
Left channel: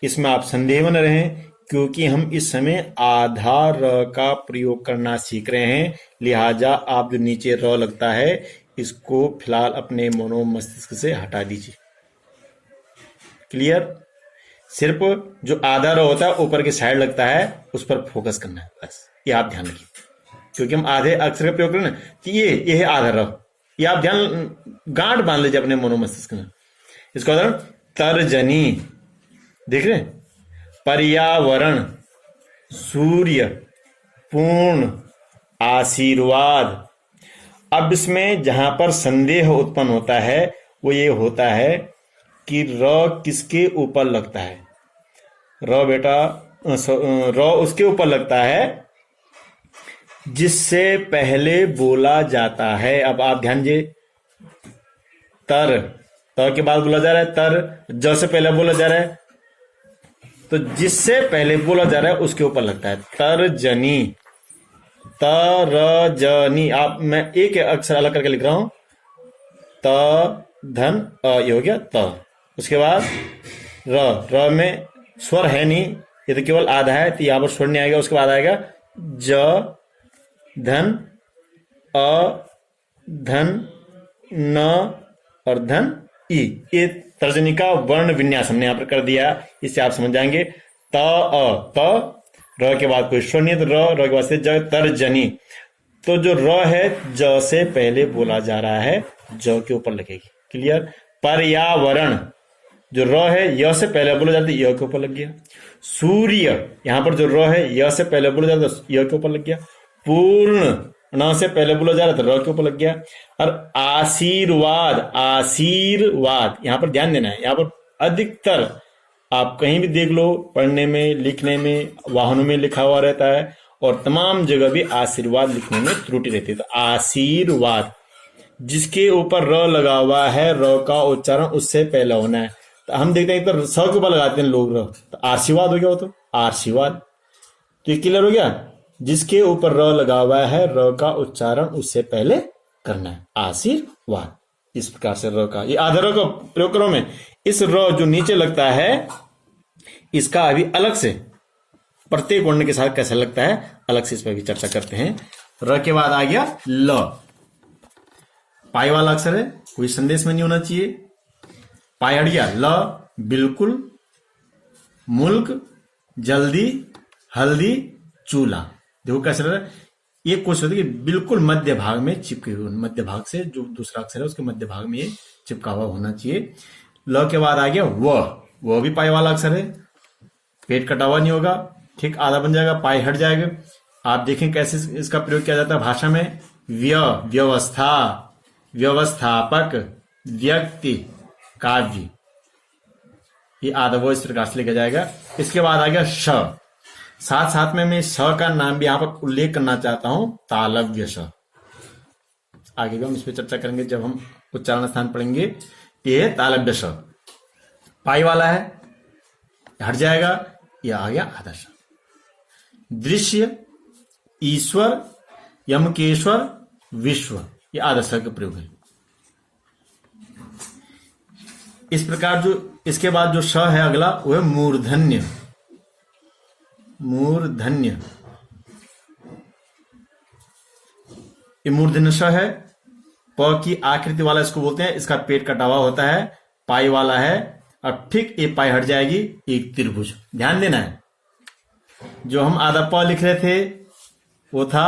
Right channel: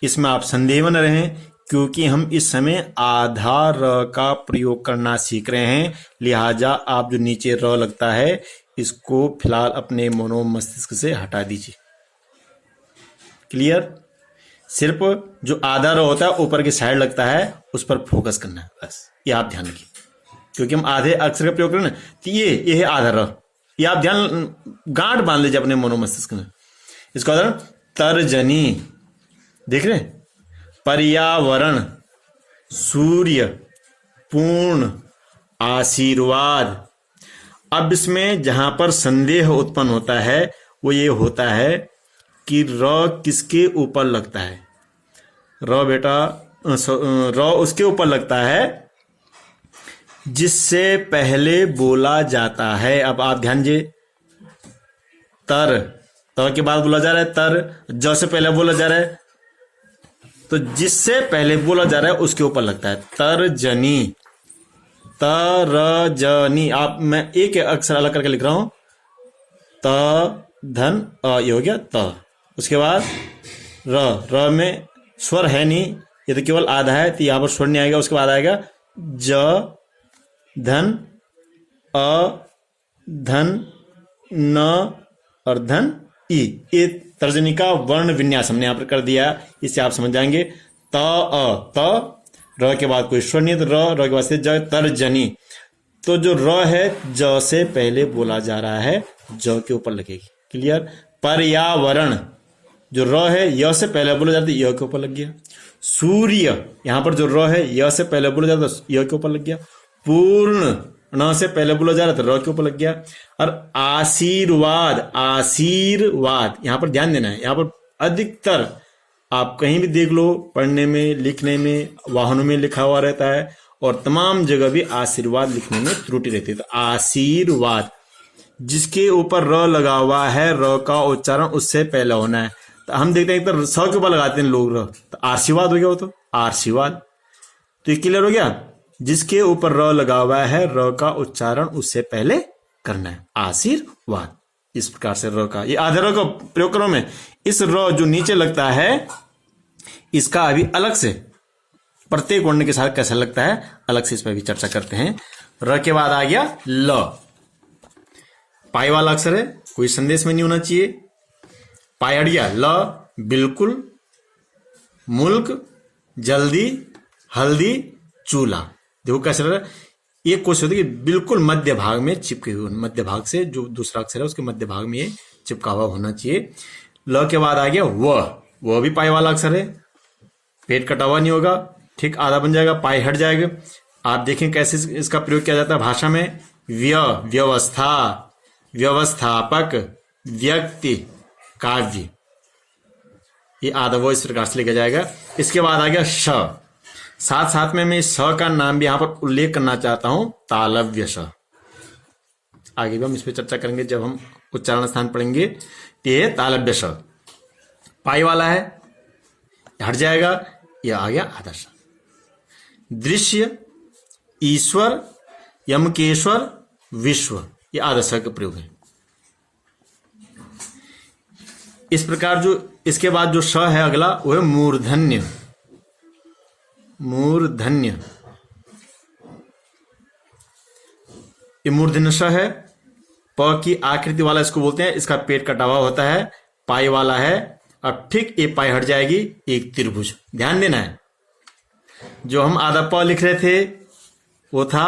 इसमें आप संदेह में न रहें, क्योंकि हम इस समय आधा र का प्रयोग करना सीख रहे हैं। लिहाजा आप जो नीचे र लगता है, इसको फिलहाल अपने मनो मस्तिष्क से हटा दीजिए। क्लियर? सिर्फ जो आधा र होता है ऊपर के साइड लगता है, उस पर फोकस करना है, बस। ये आप ध्यान रखिए, क्योंकि हम आधे अक्षर का प्रयोग करें ना, तो ये है आधा र। ये आप ध्यान गांठ बांध लीजिए अपने मनो मस्तिष्क में। इसका उदाहरण तर्जनी, देख रहे हैं? पर्यावरण, सूर्य, पूर्ण, आशीर्वाद। अब इसमें जहां पर संदेह उत्पन्न होता है वो ये होता है कि र किसके ऊपर लगता है। र बेटा, र उसके ऊपर लगता है जिससे पहले बोला जाता है। अब आप ध्यान दीजिए, तर, त के बाद बोला जा रहा है तर, ज से पहले बोला जा रहा है, तो जिससे पहले बोला जा रहा है उसके ऊपर लगता है। तर्जनी, तरजनी। आप, मैं एक अक्षर अलग करके लिख रहा हूं, त धन अ, ये हो गया त। उसके बाद र में स्वर है नहीं, ये तो केवल आधा है, तो यहां पर स्वर नहीं आएगा। उसके बाद आएगा ज धन अ धन न और धन ई। ये तर्जनी का वर्ण विन्यास हमने यहां पर कर दिया, इससे आप समझ जाएंगे। त अ, त र के बाद कोई स्वर नहीं है, तो र के बाद से ज, तर्जनी। तो जो र है ज से पहले बोला जा रहा है, ज के ऊपर लगेगी। क्लियर। पर्यावरण, जो र है य से पहले बोला जाता है, य के ऊपर लग गया। सूर्य, यहां पर जो र है य से पहले बोला जाता है, य के ऊपर लग गया। पूर्ण, न से पहले बोला जा रहा था, र के ऊपर लग गया। और आशीर्वाद, आशीर्वाद, यहां पर ध्यान देना है। यहां पर अधिकतर आप कहीं भी देख लो, पढ़ने में, लिखने में, वाहनों में लिखा हुआ रहता है, और तमाम जगह भी आशीर्वाद लिखने में त्रुटि रहती है। तो आशीर्वाद, जिसके ऊपर र लगा हुआ है, र का उच्चारण उससे पहले होना है। तो हम देखते हैं तो स के ऊपर लगाते हैं लोग र, तो आशीर्वाद हो गया वो, तो आशीर्वाद। तो ये क्लियर हो गया। जिसके ऊपर र लगा हुआ है, र का उच्चारण उससे पहले करना है, आशीर्वाद। इस प्रकार से र का, ये आधे र का प्रयोग करो में, इस र जो नीचे लगता है, इसका अभी अलग से प्रत्येक वर्ण के साथ कैसा लगता है, अलग से इस पर भी चर्चा करते हैं। र के बाद आ गया ल, पाई वाला अक्षर है, कोई संदेश में नहीं होना चाहिए। पाई हट गया। ल, बिल्कुल, मुल्क, जल्दी, हल्दी, चूल्हा। देखो कैसे लग रहा है, ये कोशिश होती है कि बिल्कुल मध्य भाग में चिपके हुए, मध्य भाग से जो दूसरा अक्षर है उसके मध्य भाग में ये चिपका हुआ होना चाहिए। ल के बाद आ गया वह भी पाई वाला अक्षर है, पेट कटा हुआ नहीं होगा, ठीक आधा बन जाएगा, पाई हट जाएगा। आप देखें कैसे इसका प्रयोग किया जाता है भाषा में। व्यवस्था, व्यवस्थापक, व्यक्ति, काव्य, ये आधा वो इस प्रकार से लिखा जाएगा। इसके बाद आ गया श, साथ साथ में मैं इस स का नाम भी यहां पर उल्लेख करना चाहता हूं, तालव्य स। आगे भी हम इस पर चर्चा करेंगे जब हम उच्चारण स्थान पढ़ेंगे। ये तालव्य स पाई वाला है, हट जाएगा, यह आ गया आधा स। दृश्य, ईश्वर, यमकेश्वर, विश्व, ये आधा स का प्रयोग है। इस प्रकार जो इसके बाद जो श है अगला, वो है मूर्धन्य। मूर्धन्य, ये मूर्धन्य श है, प की आकृति वाला इसको बोलते हैं। इसका पेट कटा हुआ होता है, पाई वाला है। अब ठीक ये पाई हट जाएगी, एक त्रिभुज। ध्यान देना है, जो हम आधा प लिख रहे थे वो था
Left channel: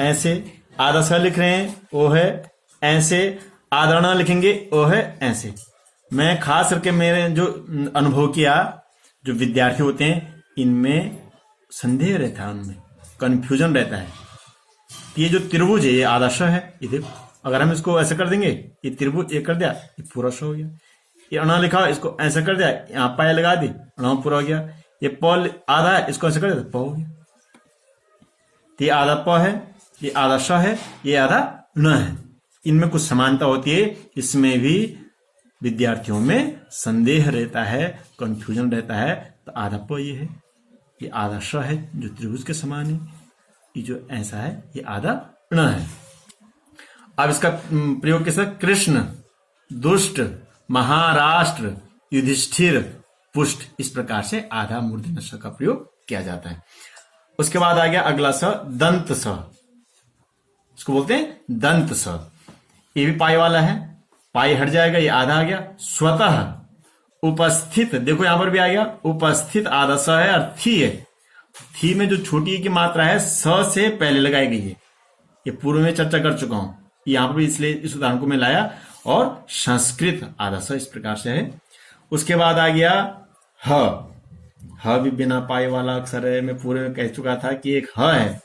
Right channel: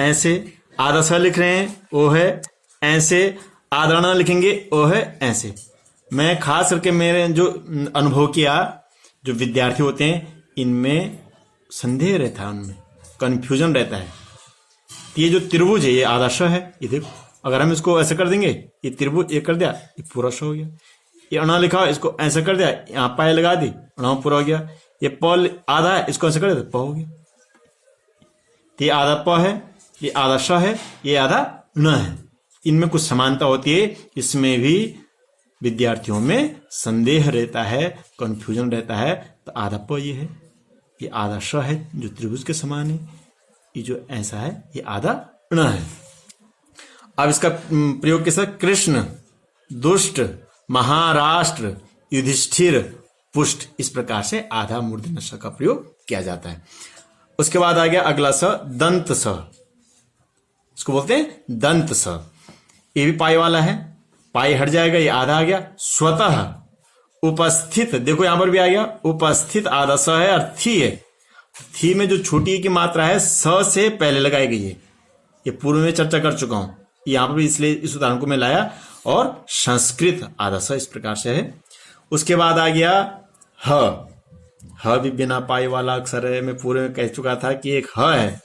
ऐसे, आधा स लिख रहे हैं वो है ऐसे, आधा न लिखेंगे वो है ऐसे। मैं खास करके मेरे जो अनुभव किया, जो विद्यार्थी होते हैं इनमें संदेह रहता है, उनमें कंफ्यूजन रहता है। ये जो त्रिभुज है ये आधा श है, ये देखो अगर हम इसको ऐसे कर देंगे, ये त्रिभुज ये कर दिया, ये पूरा श हो गया। ये अणा लिखा हो, इसको ऐसे कर दिया, यहाँ पाए लगा दी, अणा पूरा हो गया। ये प आधा है, इसको ऐसे कर दिया, प हो गया। ये आधा प है, ये आधा श है, ये आधा न है। इनमें कुछ समानता होती है, इसमें भी विद्यार्थियों में संदेह रहता है, कंफ्यूजन रहता है। तो आधा प ये है, ये आधा श है जो त्रिभुज के समान है, ये जो ऐसा है ये आधा ण है। अब इसका प्रयोग कैसा, कृष्ण, दुष्ट, महाराष्ट्र, युधिष्ठिर, पुष्ट, इस प्रकार से आधा मूर्धन्य स का प्रयोग किया जाता है। उसके बाद आ गया अगला स, दंत स। इसको बोलते हैं दंत स। ये भी पाई वाला है, पाई हट जाएगा, ये आधा आ गया। स्वतः, उपस्थित, देखो यहां पर भी आ गया उपस्थित, आधा स है और थी है। थी में जो छोटी की मात्रा है स से पहले लगाई गई है, ये पूर्व में चर्चा कर चुका हूं, यहां पर भी इसलिए इस उदाहरण को मैं लाया। और संस्कृत, आधा स इस प्रकार से है। उसके बाद आ गया ह भी बिना पाई वाला अक्षर है। मैं पूरे में कह चुका था कि एक ह है,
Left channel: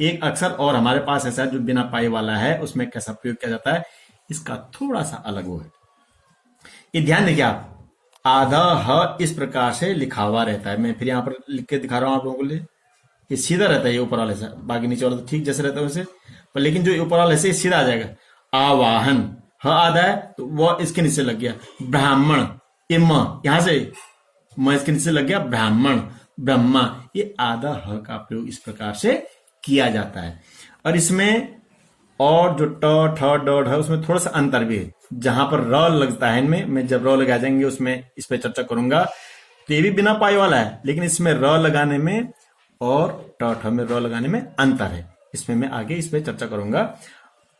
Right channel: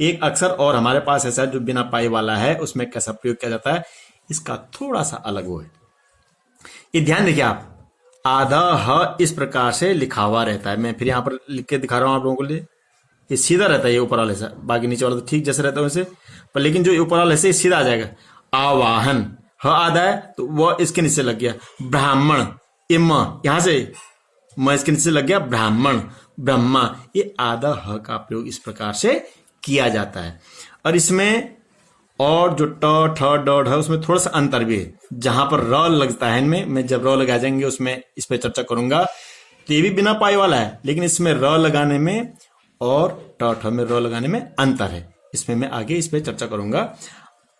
एक अक्षर और हमारे पास ऐसा जो बिना पाई वाला है, उसमें कैसा प्रयोग किया जाता है, इसका थोड़ा सा अलग वो है। ये ध्यान देखिए आप, आधा ह इस प्रकार से लिखा हुआ रहता है। मैं फिर यहां पर लिख के दिखा रहा हूं आप लोगों के लिए। ये सीधा रहता है, ये ऊपर वाले से, बाकी नीचे वाला तो ठीक जैसे रहता है वैसे, पर लेकिन जो ऊपर वाला ऐसे सीधा आ जाएगा। आवाहन, ह आधा है तो वह इसके नीचे लग गया ब्राह्मण, ये म यहां से म इसके नीचे लग गया ब्राह्मण, ब्रह्मा, ये आधा ह का प्रयोग इस प्रकार से किया जाता है। और इसमें और जो ट ठ ड ढ उसमें थोड़ा सा अंतर भी है, जहां पर र लगता है इनमें, मैं जब र लगा जाएंगे उसमें इस पर चर्चा करूंगा, तो ये भी बिना पाई वाला है, लेकिन इसमें र लगाने में और ट ठ में र लगाने में अंतर है। इसमें मैं आगे इस पर चर्चा करूंगा।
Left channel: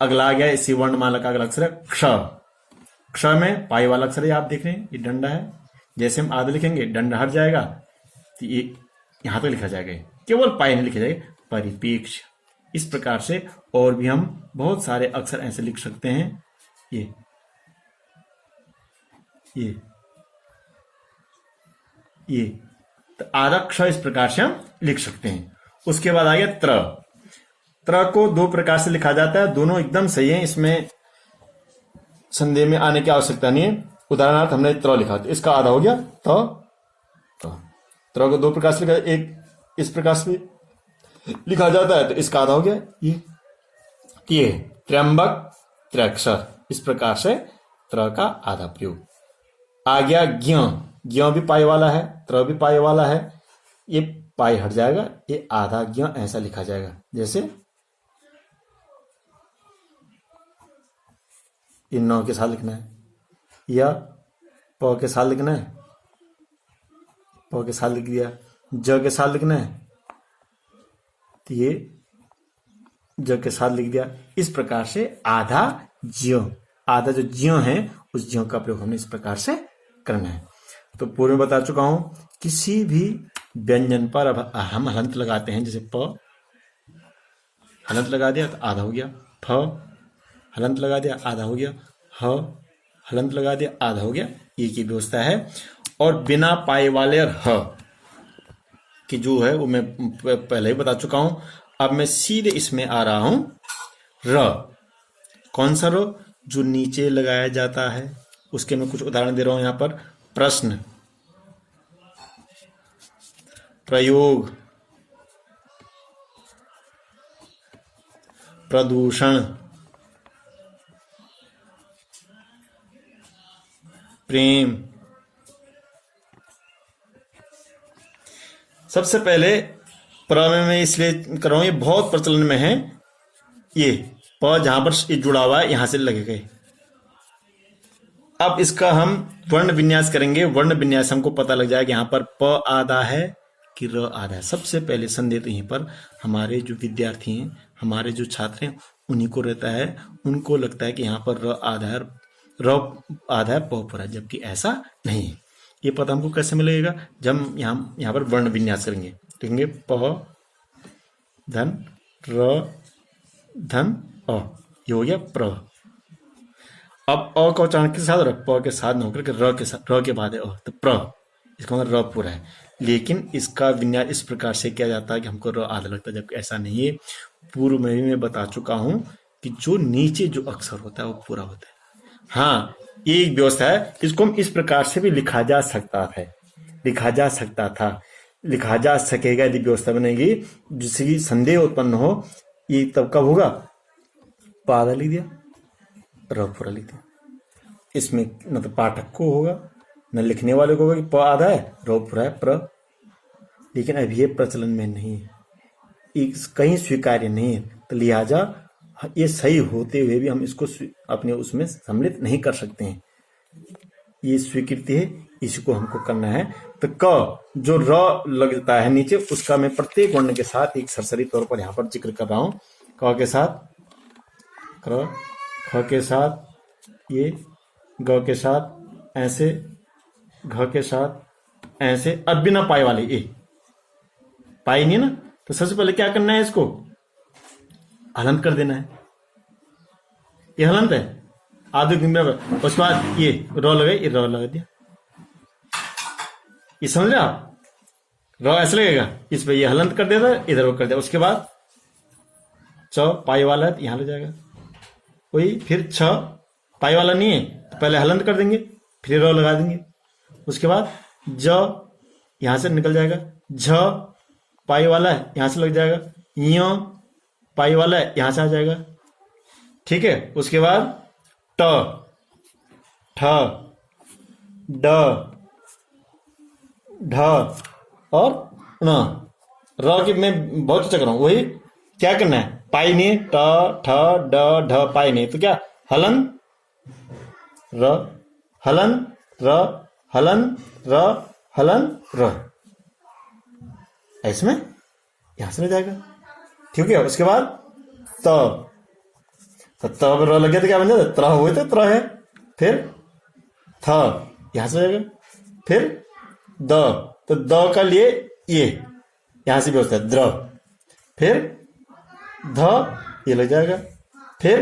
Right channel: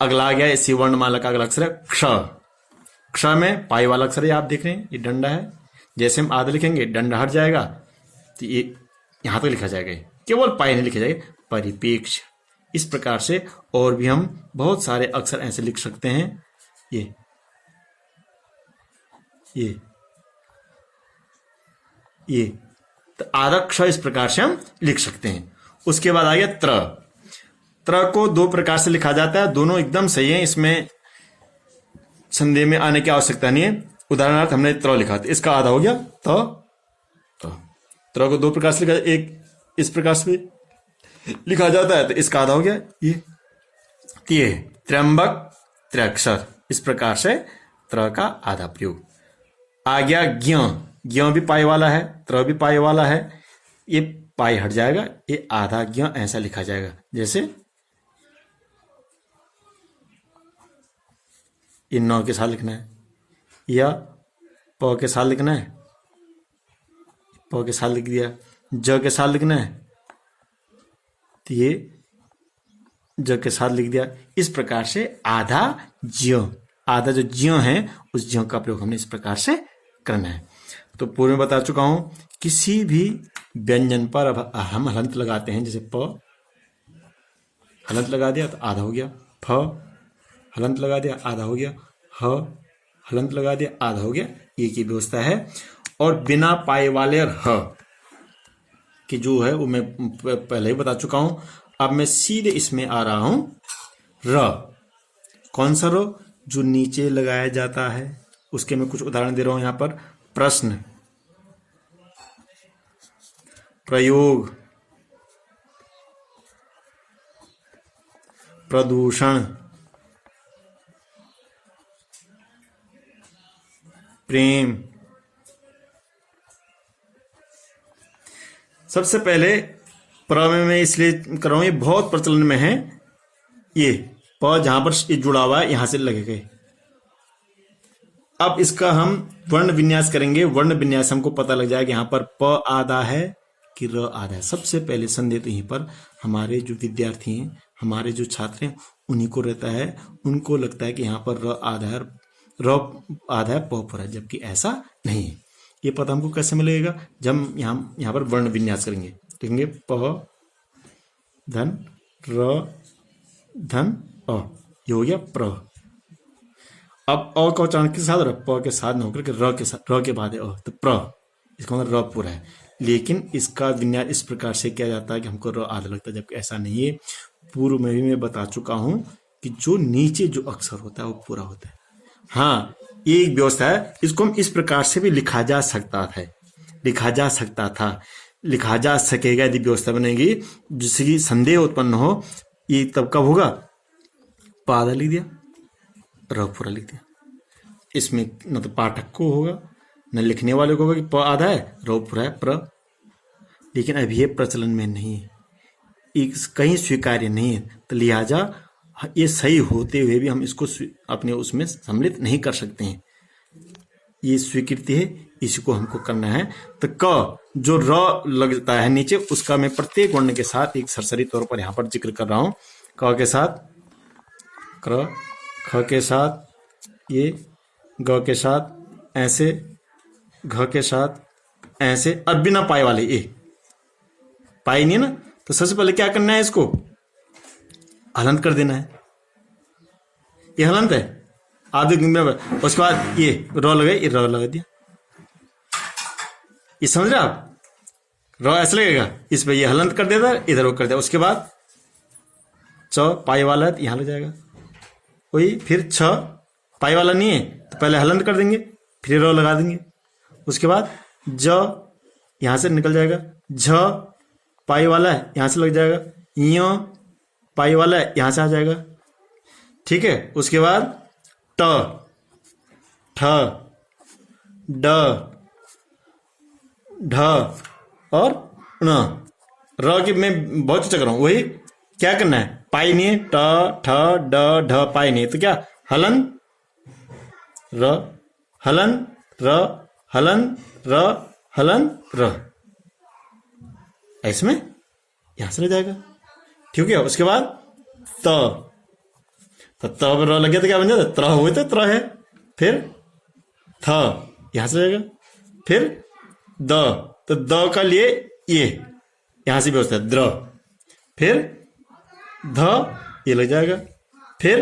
अगला आ गया इसी वर्णमाला का अगला अक्षर है क्ष। क्ष में पाई वाला अक्षर है, आप देख रहे हैं ये डंडा है, जैसे हम आधा लिखेंगे डंडा हट जाएगा तो ये यहां पर लिखा जाएगा, केवल पाई नहीं लिखा जाएगा, परिपेक्ष। इस प्रकार से और भी हम बहुत सारे अक्षर ऐसे लिख सकते हैं। ये तो आधा क्ष इस प्रकार से हम लिख सकते हैं। उसके बाद आ गया त्र। त्र को दो प्रकार से लिखा जाता है, दोनों एकदम सही है, इसमें संदेह में आने की आवश्यकता नहीं है। उदाहरणार्थ हमने त्र लिखा था, इसका आधा हो गया त्र को दो प्रकार से लिखा, एक इस प्रकार से लिखा जाता है तो इसका आधा हो गया ये त्र्यंबक त्र्यक्षर, इस प्रकार से त्र का आधा प्रयोग। आ गया ज्ञ। ज्ञ भी पाई वाला है, त्र भी पाई वाला है, ये पाई हट जाएगा, ये आधा ज्ञ ऐसा लिखा जाएगा, जैसे इन 9 के साथ लिखना है, या प के साथ लिखना है, प के साथ लिख दिया, ज के साथ लिखना है तो ये ज के साथ लिख दिया। इस प्रकार से आधा ज्य, आधा जो ज्य है उस ज्य का प्रयोग हमने इस प्रकार से करना है। तो पूर्व में बता चुका हूं, किसी भी व्यंजन पर अब हम हलंत लगाते हैं, जैसे प हलंत लगा दिया तो आधा हो गया, फ हलंत लगा दिया आधा हो गया, ह हलंत लगा दिया आधा हो गया, ये की व्यवस्था है। और बिना पाए वाले और ह कि जो है वो मैं पहले ही बता चुका हूं। अब मैं सीधे इसमें आ रहा हूं र। कौन सा र? जो नीचे लगाया जाता है, उसके मैं कुछ उदाहरण दे रहा हूं यहां पर। प्रश्न, प्रयोग, प्रदूषण, प्रेम। सबसे पहले प्र में मैं इसलिए कर रहा हूं, ये बहुत प्रचलन में है, ये प जहां पर ये जुड़ा हुआ है यहां से लगेगा। अब इसका हम वर्ण विन्यास करेंगे, वर्ण विन्यास हमको पता लग जाएगा यहां पर प आधा है कि र आधा है। सबसे पहले संदेह तो यहीं पर हमारे जो विद्यार्थी हैं, हमारे जो छात्र हैं, उन्हीं को रहता है, उनको लगता है कि यहाँ पर र आधा है, र आधा है, प पूरा, जबकि ऐसा नहीं है। ये पता हमको कैसे मिलेगा? जब यहाँ पर वर्ण विन्यास करेंगे, लिखेंगे प धन र धन अ, ये हो गया प्र। अब अ का उच्चारण के साथ, प के साथ न होकर के र के साथ, र के बाद है अ, तो प्र, इसका मतलब र पूरा है। लेकिन इसका विन्यास इस प्रकार से किया जाता है कि हमको र आधा लगता है, जबकि ऐसा नहीं है। पूर्व में मैं बता चुका हूं कि जो नीचे जो अक्षर होता है वो पूरा होता है। हाँ, ये एक व्यवस्था है, इसको हम इस प्रकार से भी लिखा जा सकता था, लिखा जा सकता था, लिखा जा सकेगा यदि व्यवस्था बनेगी, जिससे कि संदेह उत्पन्न हो। ये तब कब होगा? प आधा लिख दिया, र पूरा लिख दिया। इसमें न तो पाठक को होगा न लिखने वाले को होगा कि प आधा है र पूरा है प्र। लेकिन अभी ये प्रचलन में नहीं है, कहीं स्वीकार्य नहीं है, तो लिहाजा ये सही होते हुए भी हम इसको अपने उसमें सम्मिलित नहीं कर सकते हैं। ये स्वीकृति है, इसको हमको करना है। तो क जो र लगता है नीचे, उसका मैं प्रत्येक वर्ण के साथ एक सरसरी तौर पर यहाँ पर जिक्र कर रहा हूं। क के साथ क्र, ख के साथ ये, ग के साथ ऐसे, घ के साथ ऐसे। अब बिना पाए वाले ए, पाई नहीं ना, तो सबसे पहले क्या करना है? इसको हलंत कर देना है। ये हलंत है आधे दिन में, उसके बाद ये र लगे, ये र लगा दिया। ये समझ रहे आप? र ऐसे लगेगा, इस पे ये हलंत कर देता, इधर वो कर दिया। उसके बाद च पाई वाला है तो यहां ले जाएगा, वही फिर छ पाई वाला नहीं है तो पहले हलंत कर देंगे, फिर र लगा देंगे। उसके बाद ज यहां से निकल जाएगा, झ पाई वाला है यहां से लग जाएगा, य पाई वाला है यहां से आ जाएगा, ठीक है। उसके बाद ट, ठ, ड, ढ और ण। र की मैं बहुत चर्चा कर रहा हूं, वही क्या करना है, पाई नहीं है, ट, ठ, ड, ढ, पाई नहीं है, तो क्या हलन र, हलन र, हलन र, हलन र, इसमें यहां से रह जाएगा। ठीक है, उसके बाद त, तो त पर र लग गया तो क्या बन जाता, त्र हुए तो त्र है। फिर थ यहां से रहेगा, फिर द, तो द का लिए ये यहां से व्यवस्था है द्र, फिर ध ये लग जाएगा, फिर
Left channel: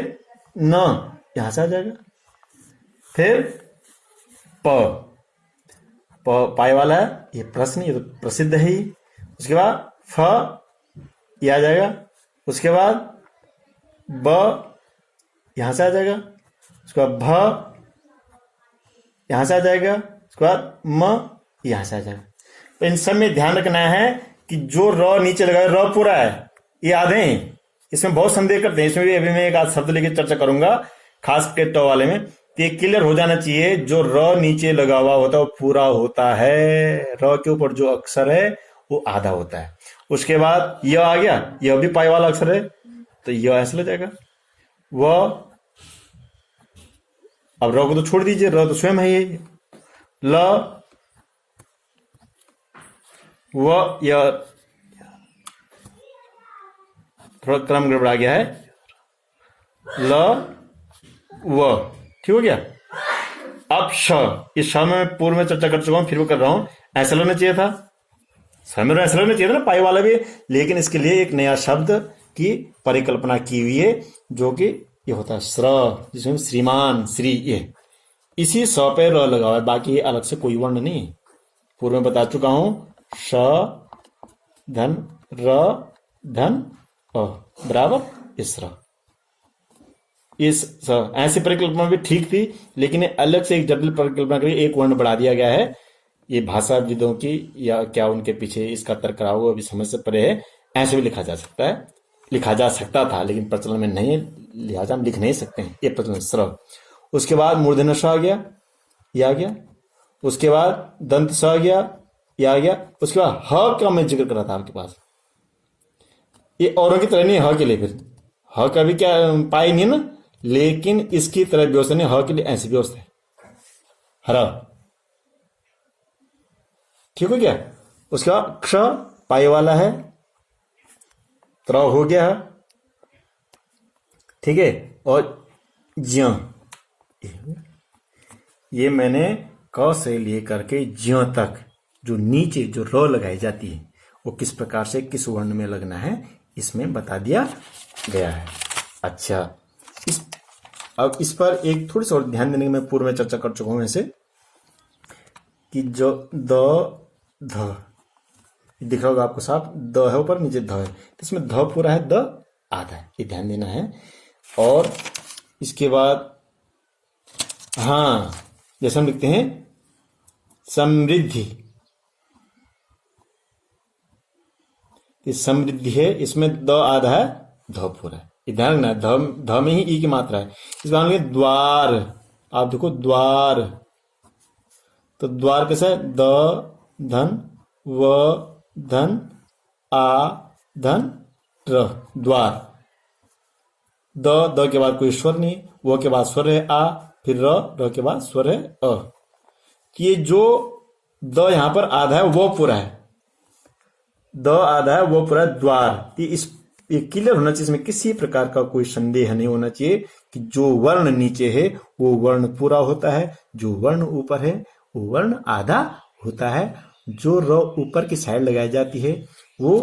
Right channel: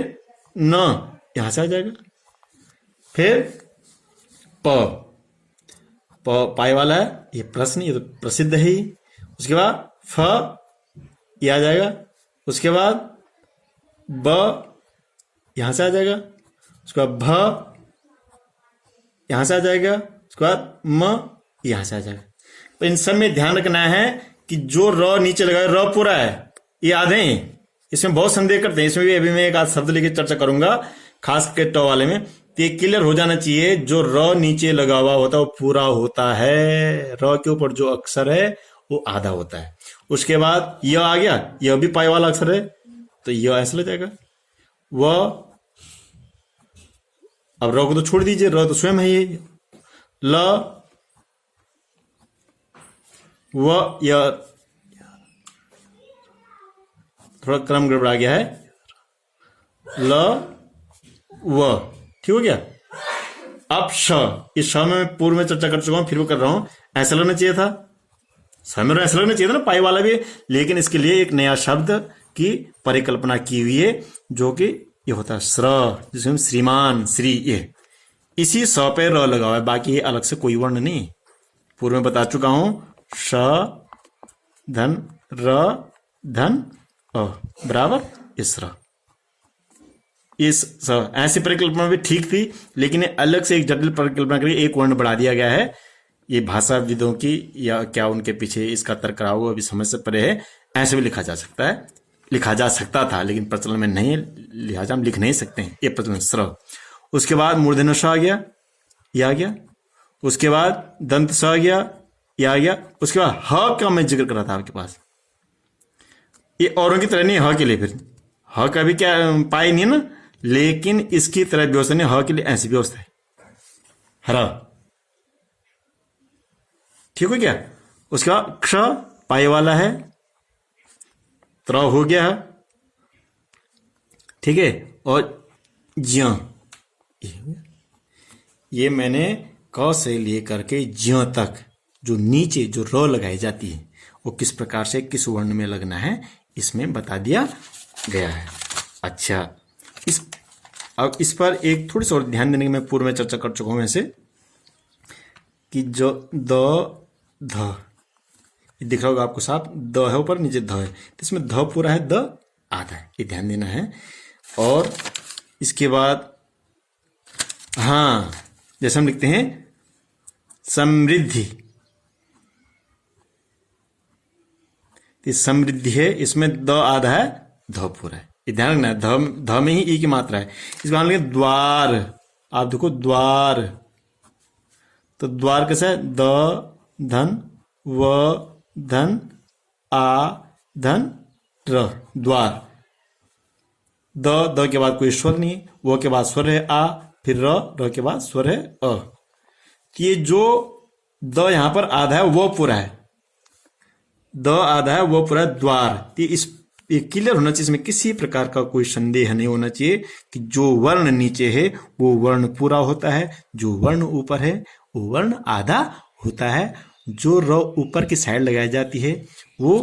न यहां से आ जाएगा, फिर प, पाई वाला है, ये प्रश्न, ये तो प्रसिद्ध है ही। उसके बाद फ ये आ जाएगा, उसके बाद ब यहां से आ जाएगा, उसके बाद भ यहां से आ जाएगा, उसके बाद म यहां से आ जाएगा। तो इन सब में ध्यान रखना है कि जो र नीचे लगा है, र पूरा है, ये आधे हैं। इसमें बहुत संदेह करते हैं, इसमें भी अभी मैं एक आध शब्द लेकर चर्चा करूंगा, खास के ट वाले में। तो ये क्लियर हो जाना चाहिए, जो र नीचे लगा हुआ होता है वो पूरा होता है, र के ऊपर जो अक्षर है वो आधा होता है। उसके बाद य आ गया, यह भी पाई वाला अक्षर है, तो यह ऐसे लग जाएगा। व, अब र को तो छोड़ दीजिए, र तो स्वयं है ये। ल, व, यह थोड़ा क्रम गड़बड़ा गया है, ल, व, ठीक हो गया। अब श, इस श में पूर्व में चर्चा कर चुका हूं, फिर वो कर रहा हूं, ऐसा लगना चाहिए था, समय ऐसा लगना चाहिए था ना, पाई वाला भी, लेकिन इसके लिए एक नया शब्द की परिकल्पना की हुई है, जो कि ये होता है श्र, जिसमें श्रीमान, श्री, ये इसी स पे र लगा हुआ है, बाकी अलग से कोई वर्ण नहीं। पूर्व में बता चुका हूं, श धन र धन अ बराबर इसरा, इस ऐसी परिकल्पना भी ठीक थी, लेकिन अलग से एक जटिल परिकल्पना करके एक वर्ण बढ़ा दिया गया है। ये भाषाविदों की या क्या उनके पीछे इसका तर्क रहा होगा, अभी समझ से परे है। ऐसे भी लिखा जा सकता है, लिखा जा सकता था, लेकिन प्रचलन में नहीं है, लिहाजा हम लिख नहीं सकते हैं, ये प्रचलन स्र। उसके बाद मूर्धन्य ष आ गया, यह आ गया। उसके बाद दंत स आ गया, यह आ गया। उसके बाद ह का मैं जिक्र कर रहा था आपके पास, ये औरों की तरह नहीं ह के लिए, फिर ह का भी क्या पाई नहीं है ना, लेकिन इसकी तरह व्यवस्था नहीं, ह के लिए ऐसी व्यवस्था है, हरा, ठीक हो गया। उसके बाद क्ष पाई वाला है, त्र हो गया, ठीक है, और ज्य, ये मैंने क से लेकर के ज्य तक जो नीचे जो र लगाई जाती है वो किस प्रकार से किस वर्ण में लगना है इसमें बता दिया गया है। अच्छा, अब इस पर एक थोड़ी सी और ध्यान देने की मैं पूर्व में चर्चा कर चुका हूं ऐसे कि जो द ध दिख रहा होगा आपको साफ, द है ऊपर, नीचे ध है, तो इसमें ध पूरा है, द आधा है, ये ध्यान देना है। और इसके बाद हाँ, जैसे हम लिखते हैं समृद्धि, समृद्धि है, इसमें द आधा है, ध पूरा है, ये ध्यान रखना है। ध में ही ई की मात्रा है। इस बार लिखे द्वार, आप देखो द्वार, तो द्वार कैसा है, द धन व धन आ धन र, द्वार। द के बाद कोई स्वर नहीं, वो के बाद स्वर है आ, फिर र के बाद स्वर है अ। ये जो द यहां पर आधा है वो पूरा है, द आधा है वो पूरा है, द्वार। ये क्लियर होना चाहिए, इसमें किसी प्रकार का कोई संदेह नहीं होना चाहिए कि जो वर्ण नीचे है वो वर्ण पूरा होता है, जो वर्ण ऊपर है वो वर्ण आधा होता है। जो रो ऊपर की साइड लगाई जाती है वो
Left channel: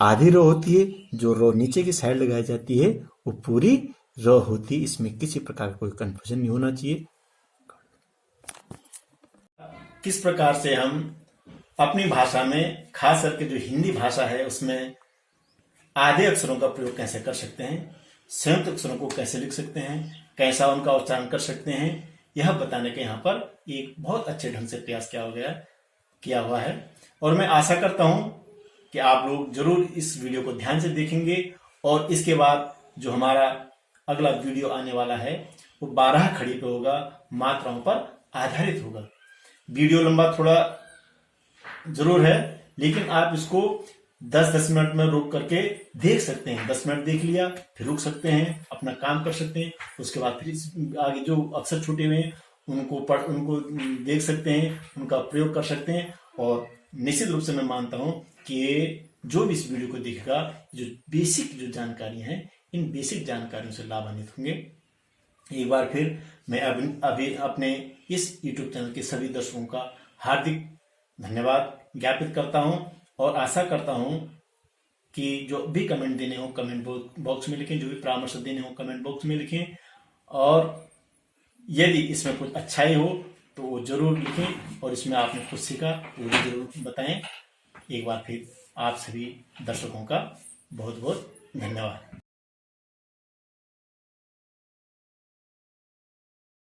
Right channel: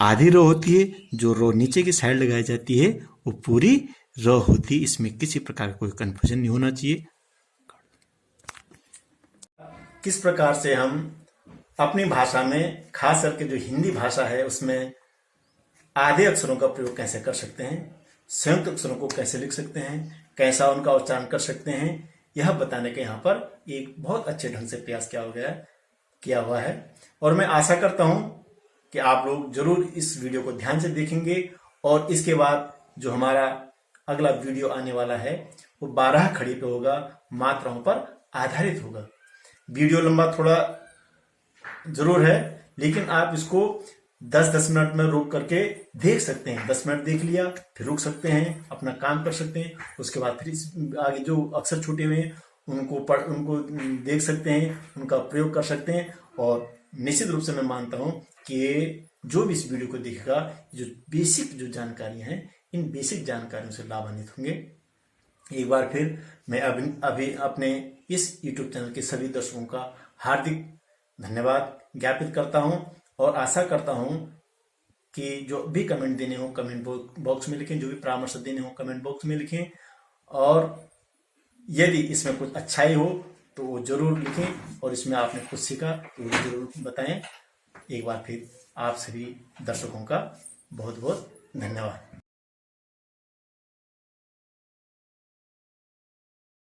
आधी रो होती है, जो रो नीचे की साइड लगाई जाती है वो पूरी रो होती है। इसमें किसी प्रकार का कोई कंफ्यूजन नहीं होना चाहिए। किस प्रकार से हम अपनी भाषा में, खास करके जो हिंदी भाषा है उसमें आधे अक्षरों का प्रयोग कैसे कर सकते हैं, संयुक्त अक्षरों को कैसे लिख सकते हैं, कैसा उनका उच्चारण कर सकते हैं, यह बताने के यहाँ पर एक बहुत अच्छे ढंग से प्रयास किया हुआ है। और मैं आशा करता हूं कि आप लोग जरूर इस वीडियो को ध्यान से देखेंगे और इसके बाद जो हमारा अगला वीडियो आने वाला है वो 12 खड़ी पे होगा, मात्राओं पर आधारित होगा। वीडियो लंबा थोड़ा जरूर है, लेकिन आप इसको 10-10 मिनट में रोक करके देख सकते हैं। 10 मिनट देख लिया, फिर रुक सकते हैं, अपना काम कर सकते हैं। उसके बाद फिर आगे जो अक्षर छूटे हुए हैं उनको देख सकते हैं, उनका प्रयोग कर सकते हैं। और निश्चित रूप से मैं मानता हूं कि जो भी इस वीडियो को देखेगा, जो बेसिक जो जानकारियां हैं, इन बेसिक जानकारियों से लाभान्वित होंगे। एक बार फिर मैं अभी अपने इस YouTube चैनल के सभी दर्शकों का हार्दिक धन्यवाद ज्ञापित करता हूं और आशा करता हूं कि जो भी कमेंट देने हो कमेंट बॉक्स में लिखें, जो भी परामर्श देने हो कमेंट बॉक्स में लिखें, और यदि इसमें कुछ अच्छाई हो तो वो जरूर लिखें, और इसमें आपने कुछ सीखा वो भी जरूर बताएं। एक बार फिर आप सभी दर्शकों का बहुत बहुत धन्यवाद।